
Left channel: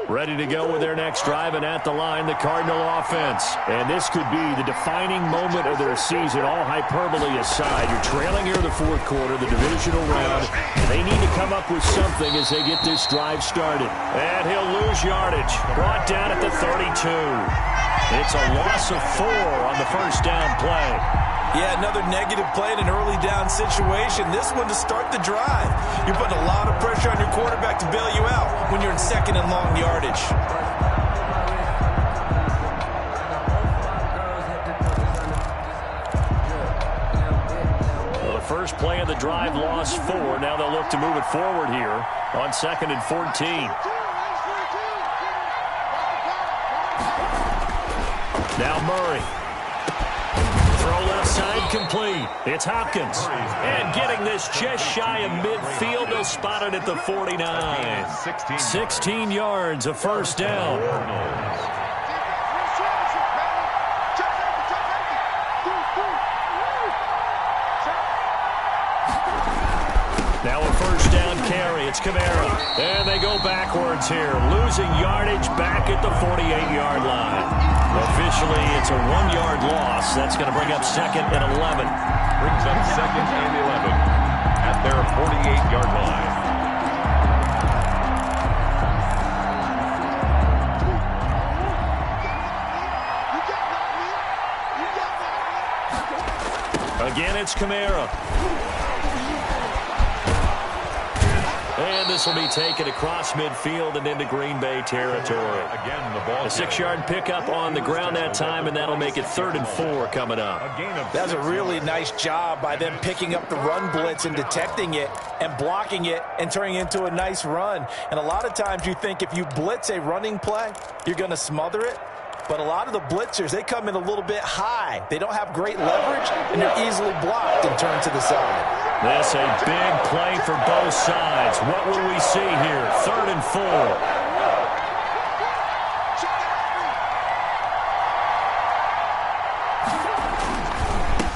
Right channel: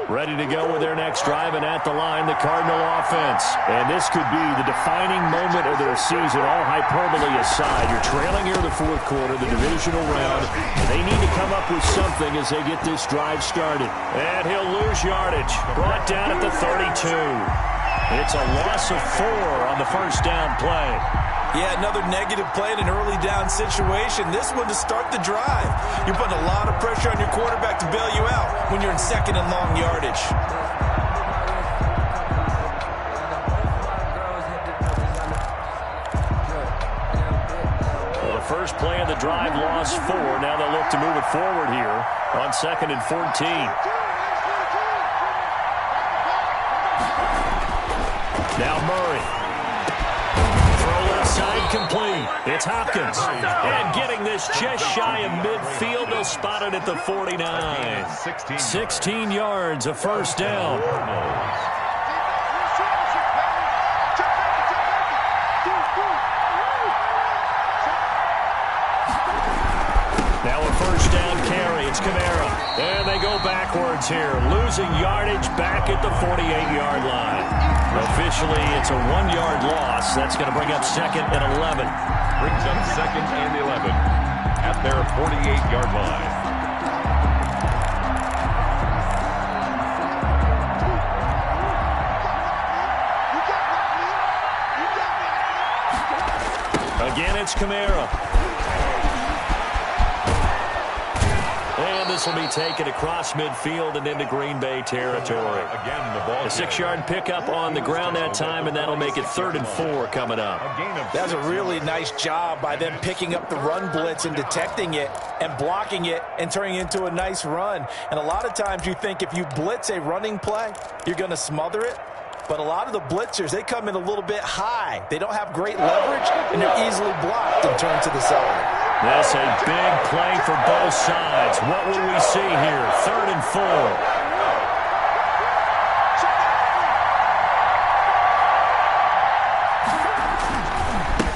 Ready to go with their next drive, and at the line, the Cardinal offense. And this could be the defining moment of their season, all hyperbole aside. You're trailing here in the 4th quarter, the divisional round. They need to come up with something as they get this drive started. And he'll lose yardage. Brought down at the 32. It's a loss of 4 on the first down play. Yeah, another negative play in an early down situation. This one to start the drive. You're putting a lot of pressure on your quarterback to bail you out when you're in 2nd and long yardage. Well, the first play of the drive lost 4. Now they'll look to move it forward here on 2nd and 14. Now Murray. Throw left side complete. It's Hopkins. And getting this just shy of midfield. They'll spot it at the 49. 16 yards, a first down. Now a first down carry. It's Kamara. And they go backwards here. Losing yardage back at the 48-yard line. Officially, it's a 1-yard loss. That's going to bring up 2nd and 11. Brings up 2nd and 11 at their 48-yard line. Again, it's Kamara. And this will be taken across midfield and into Green Bay territory. Again, the ball. A 6-yard pickup on the ground that time, and that'll make it 3rd and 4 coming up. That's a really nice job by them picking up the run blitz and detecting it and blocking it and turning it into a nice run. And a lot of times you think if you blitz a running play, you're going to smother it. But a lot of the blitzers, they come in a little bit high. They don't have great leverage, and they're easily blocked and turned to the side. This a big play for both sides. What will we see here? 3rd and 4.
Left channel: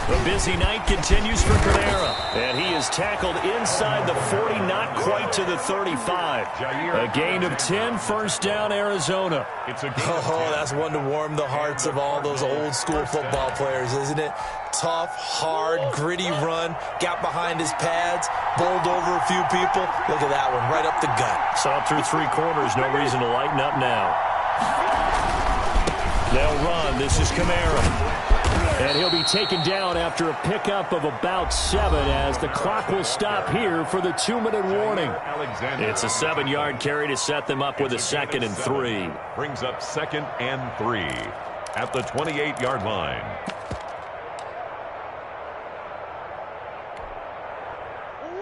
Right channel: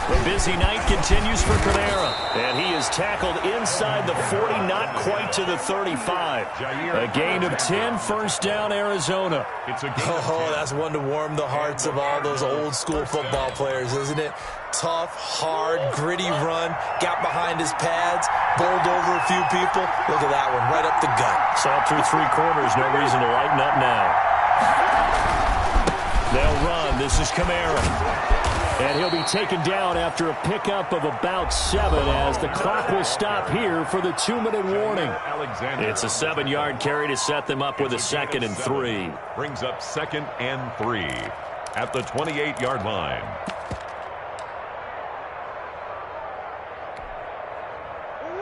The busy night continues for Kamara. And he is tackled inside the 40, not quite to the 35. A gain of 10, first down, Arizona. Oh, that's one to warm the hearts of all those old school football players, isn't it? Tough, hard, gritty run, got behind his pads, bowled over a few people. Look at that one, right up the gut. Saw through 3 quarters, no reason to lighten up now. They'll run. This is Kamara. And he'll be taken down after a pickup of about 7 as the clock will stop here for the 2-minute warning. It's a 7-yard carry to set them up with a 2nd and 3. Brings up 2nd and 3 at the 28-yard line.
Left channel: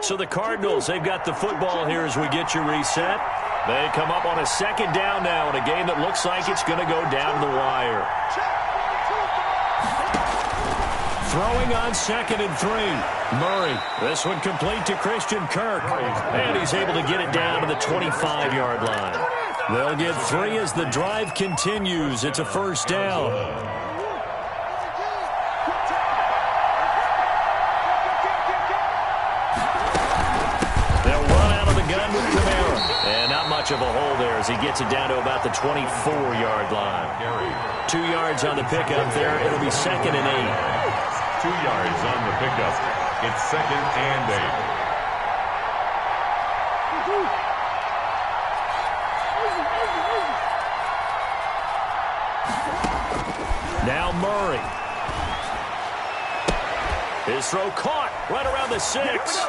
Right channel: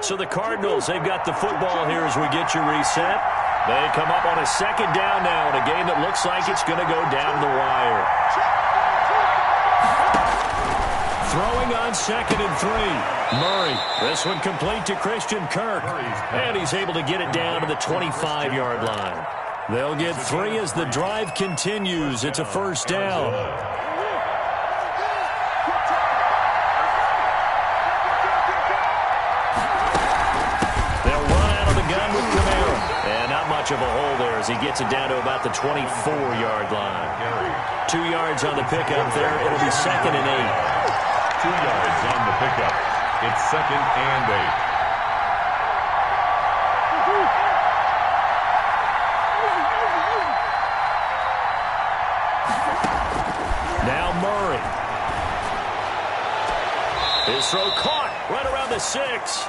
So the Cardinals, they've got the football here as we get you reset. They come up on a 2nd down now in a game that looks like it's going to go down to the wire. Throwing on 2nd and 3. Murray. This one complete to Christian Kirk. And he's able to get it down to the 25-yard line. They'll get 3 as the drive continues. It's a 1st down. They'll run out of the gun with Kamara. And not much of a hole there as he gets it down to about the 24-yard line. 2 yards on the pickup there. It'll be 2nd and 8. 2 yards on the pickup. It's 2nd and 8. Now Murray. His throw caught right around the 6.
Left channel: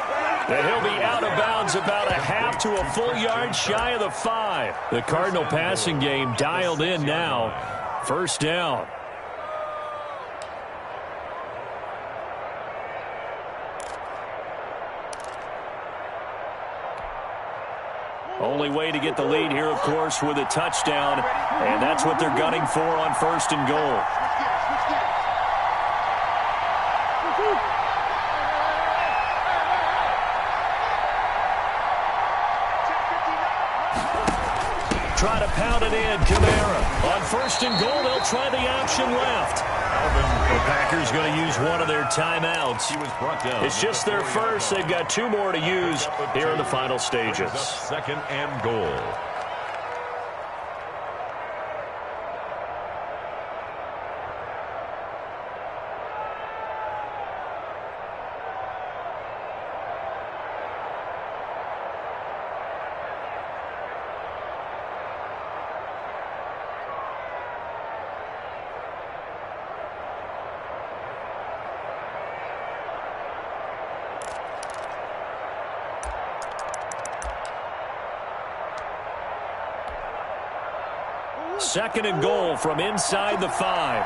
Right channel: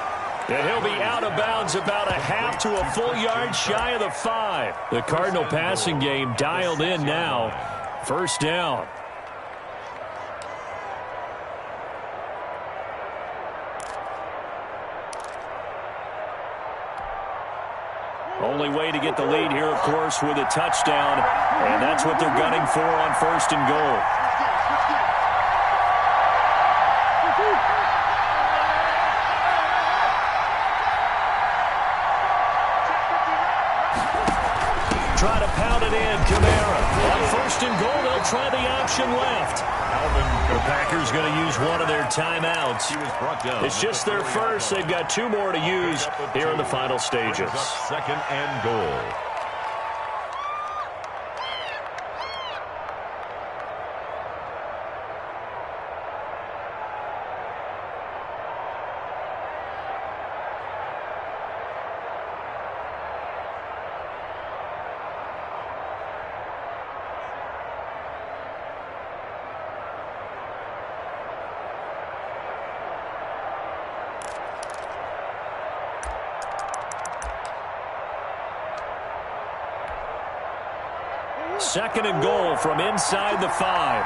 And he'll be out of bounds about a half to a full yard shy of the 5. The Cardinal passing game dialed in now. 1st down. Only way to get the lead here, of course, with a touchdown. And that's what they're gunning for on 1st and goal. Try to pound it in, Kamara. On 1st and goal, they'll try the option left. The Packers going to use one of their timeouts. He was brought down. It's just their first. They've got 2 more to use here in the final stages. 2nd and goal. Second and goal from inside the 5.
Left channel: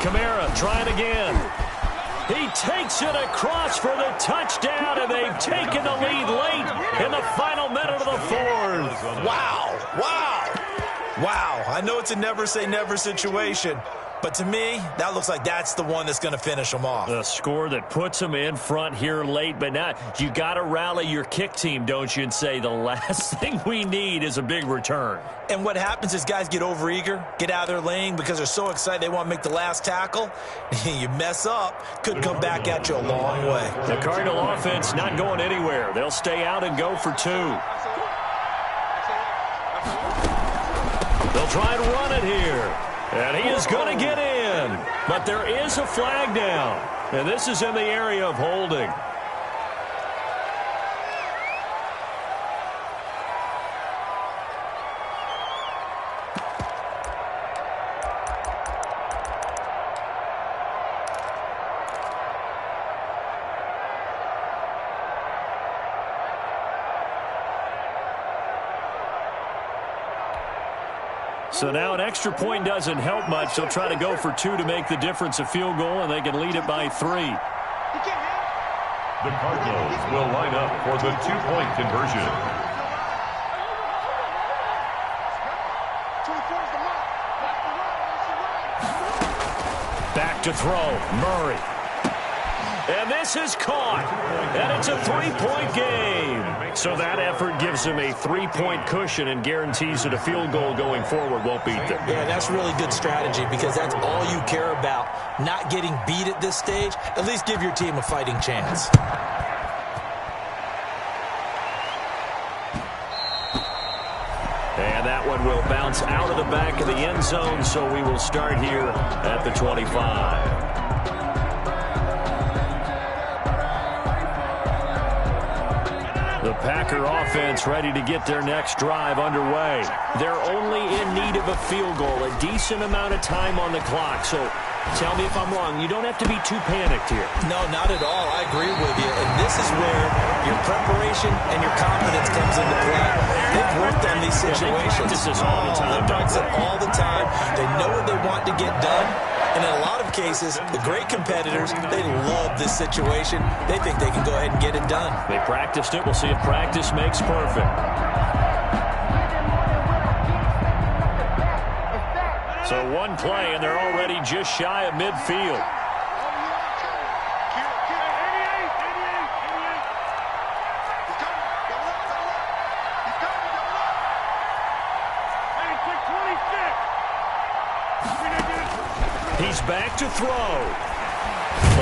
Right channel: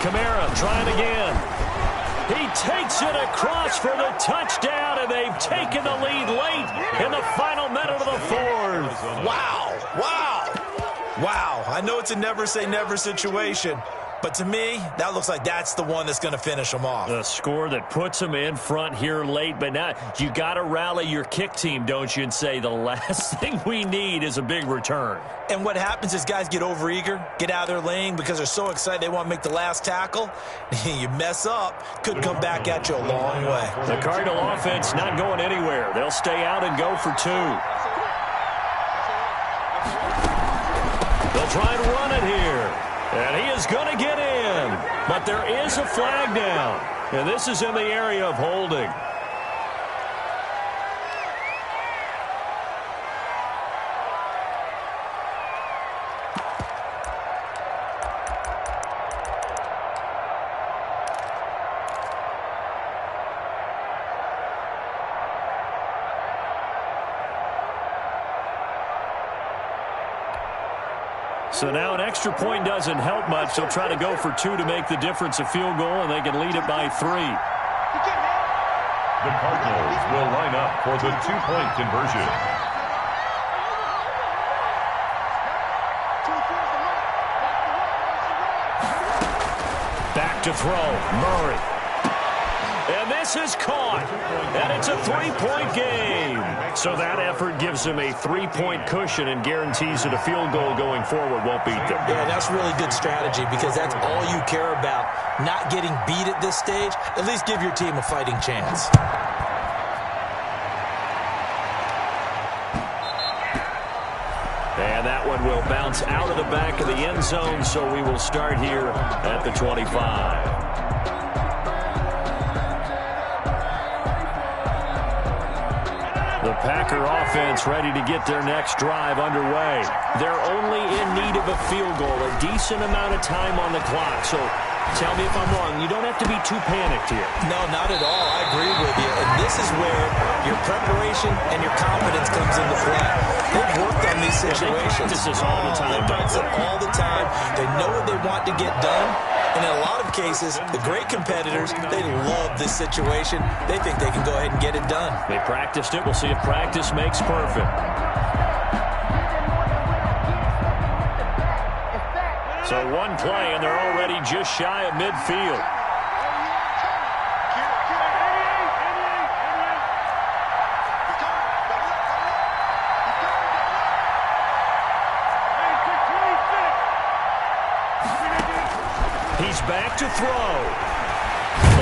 Kamara trying again. He takes it across for the touchdown, and they've taken the lead late in the final minute of the 4th. Wow. Wow. Wow. I know it's a never say never situation, but to me, that looks like that's the one that's going to finish them off. The score that puts them in front here late, but now you got to rally your kick team, don't you, and say the last thing we need is a big return. And what happens is guys get overeager, get out of their lane because they're so excited they want to make the last tackle. You mess up, could come back at you a long way. The Cardinal offense not going anywhere. They'll stay out and go for 2. They'll try and run it here. And he is going to get in. But there is a flag down. And this is in the area of holding. So now an extra point doesn't help much. They'll try to go for 2 to make the difference a field goal, and they can lead it by 3. The Cardinals will line up for the 2-point conversion. Back to throw. Murray. And this is caught. And it's a 3-point game. So that effort gives them a 3-point cushion and guarantees that a field goal going forward won't beat them. Yeah, that's really good strategy because that's all you care about. Not getting beat at this stage. At least give your team a fighting chance. And that one will bounce out of the back of the end zone, so we will start here at the 25. The Packer offense ready to get their next drive underway. They're only in need of a field goal, a decent amount of time on the clock. So tell me if I'm wrong. You don't have to be too panicked here. No, not at all. I agree with you. And this is where your preparation and your confidence comes into play. They've worked on these situations. They practice this all the time. They practice it all the time. They know what they want to get done. And in a lot of cases, the great competitors, they love this situation. They think they can go ahead and get it done. They practiced it. We'll see if practice makes perfect. So one play, and they're already just shy of midfield. He's back to throw.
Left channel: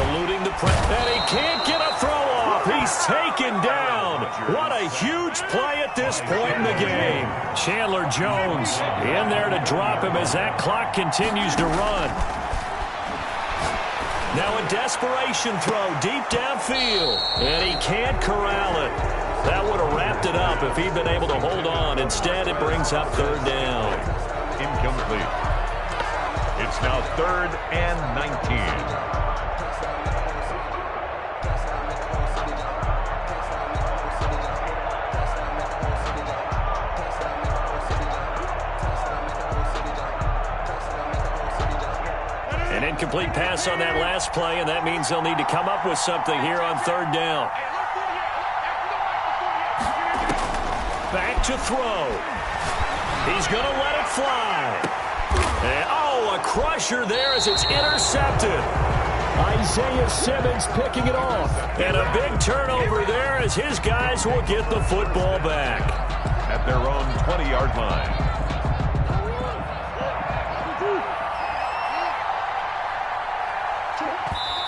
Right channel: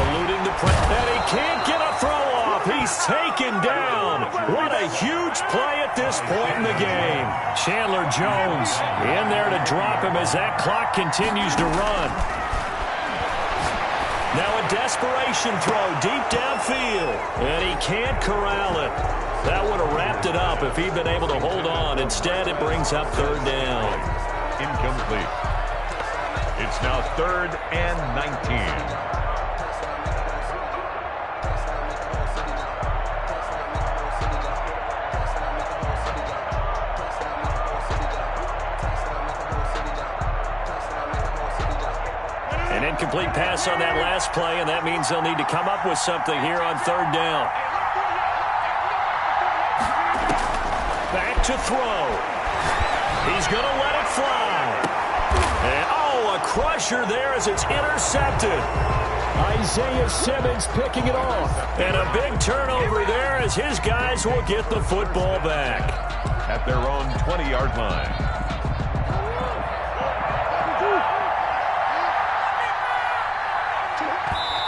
Eluding the press. And he can't get a throw off. He's taken down. What a huge play at this point in the game. Chandler Jones in there to drop him as that clock continues to run. Now a desperation throw deep downfield. And he can't corral it. That would have wrapped it up if he'd been able to hold on. Instead, it brings up third down. Incomplete. It's now 3rd and 19. An incomplete pass on that last play, and that means they'll need to come up with something here on third down. Back to throw. He's going to let it fly. And, a crusher there as it's intercepted. Isaiah Simmons picking it off. And a big turnover there as his guys will get the football back. At their own 20-yard line.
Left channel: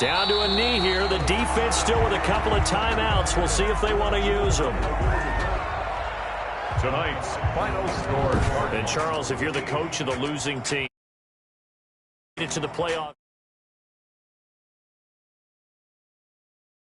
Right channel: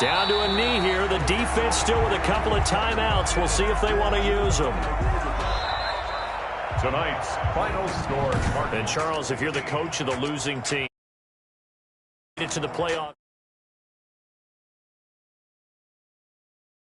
Down to a knee here. The defense still with a couple of timeouts. We'll see if they want to use them. Tonight's final score. And Charles, if you're the coach of the losing team, to the playoff.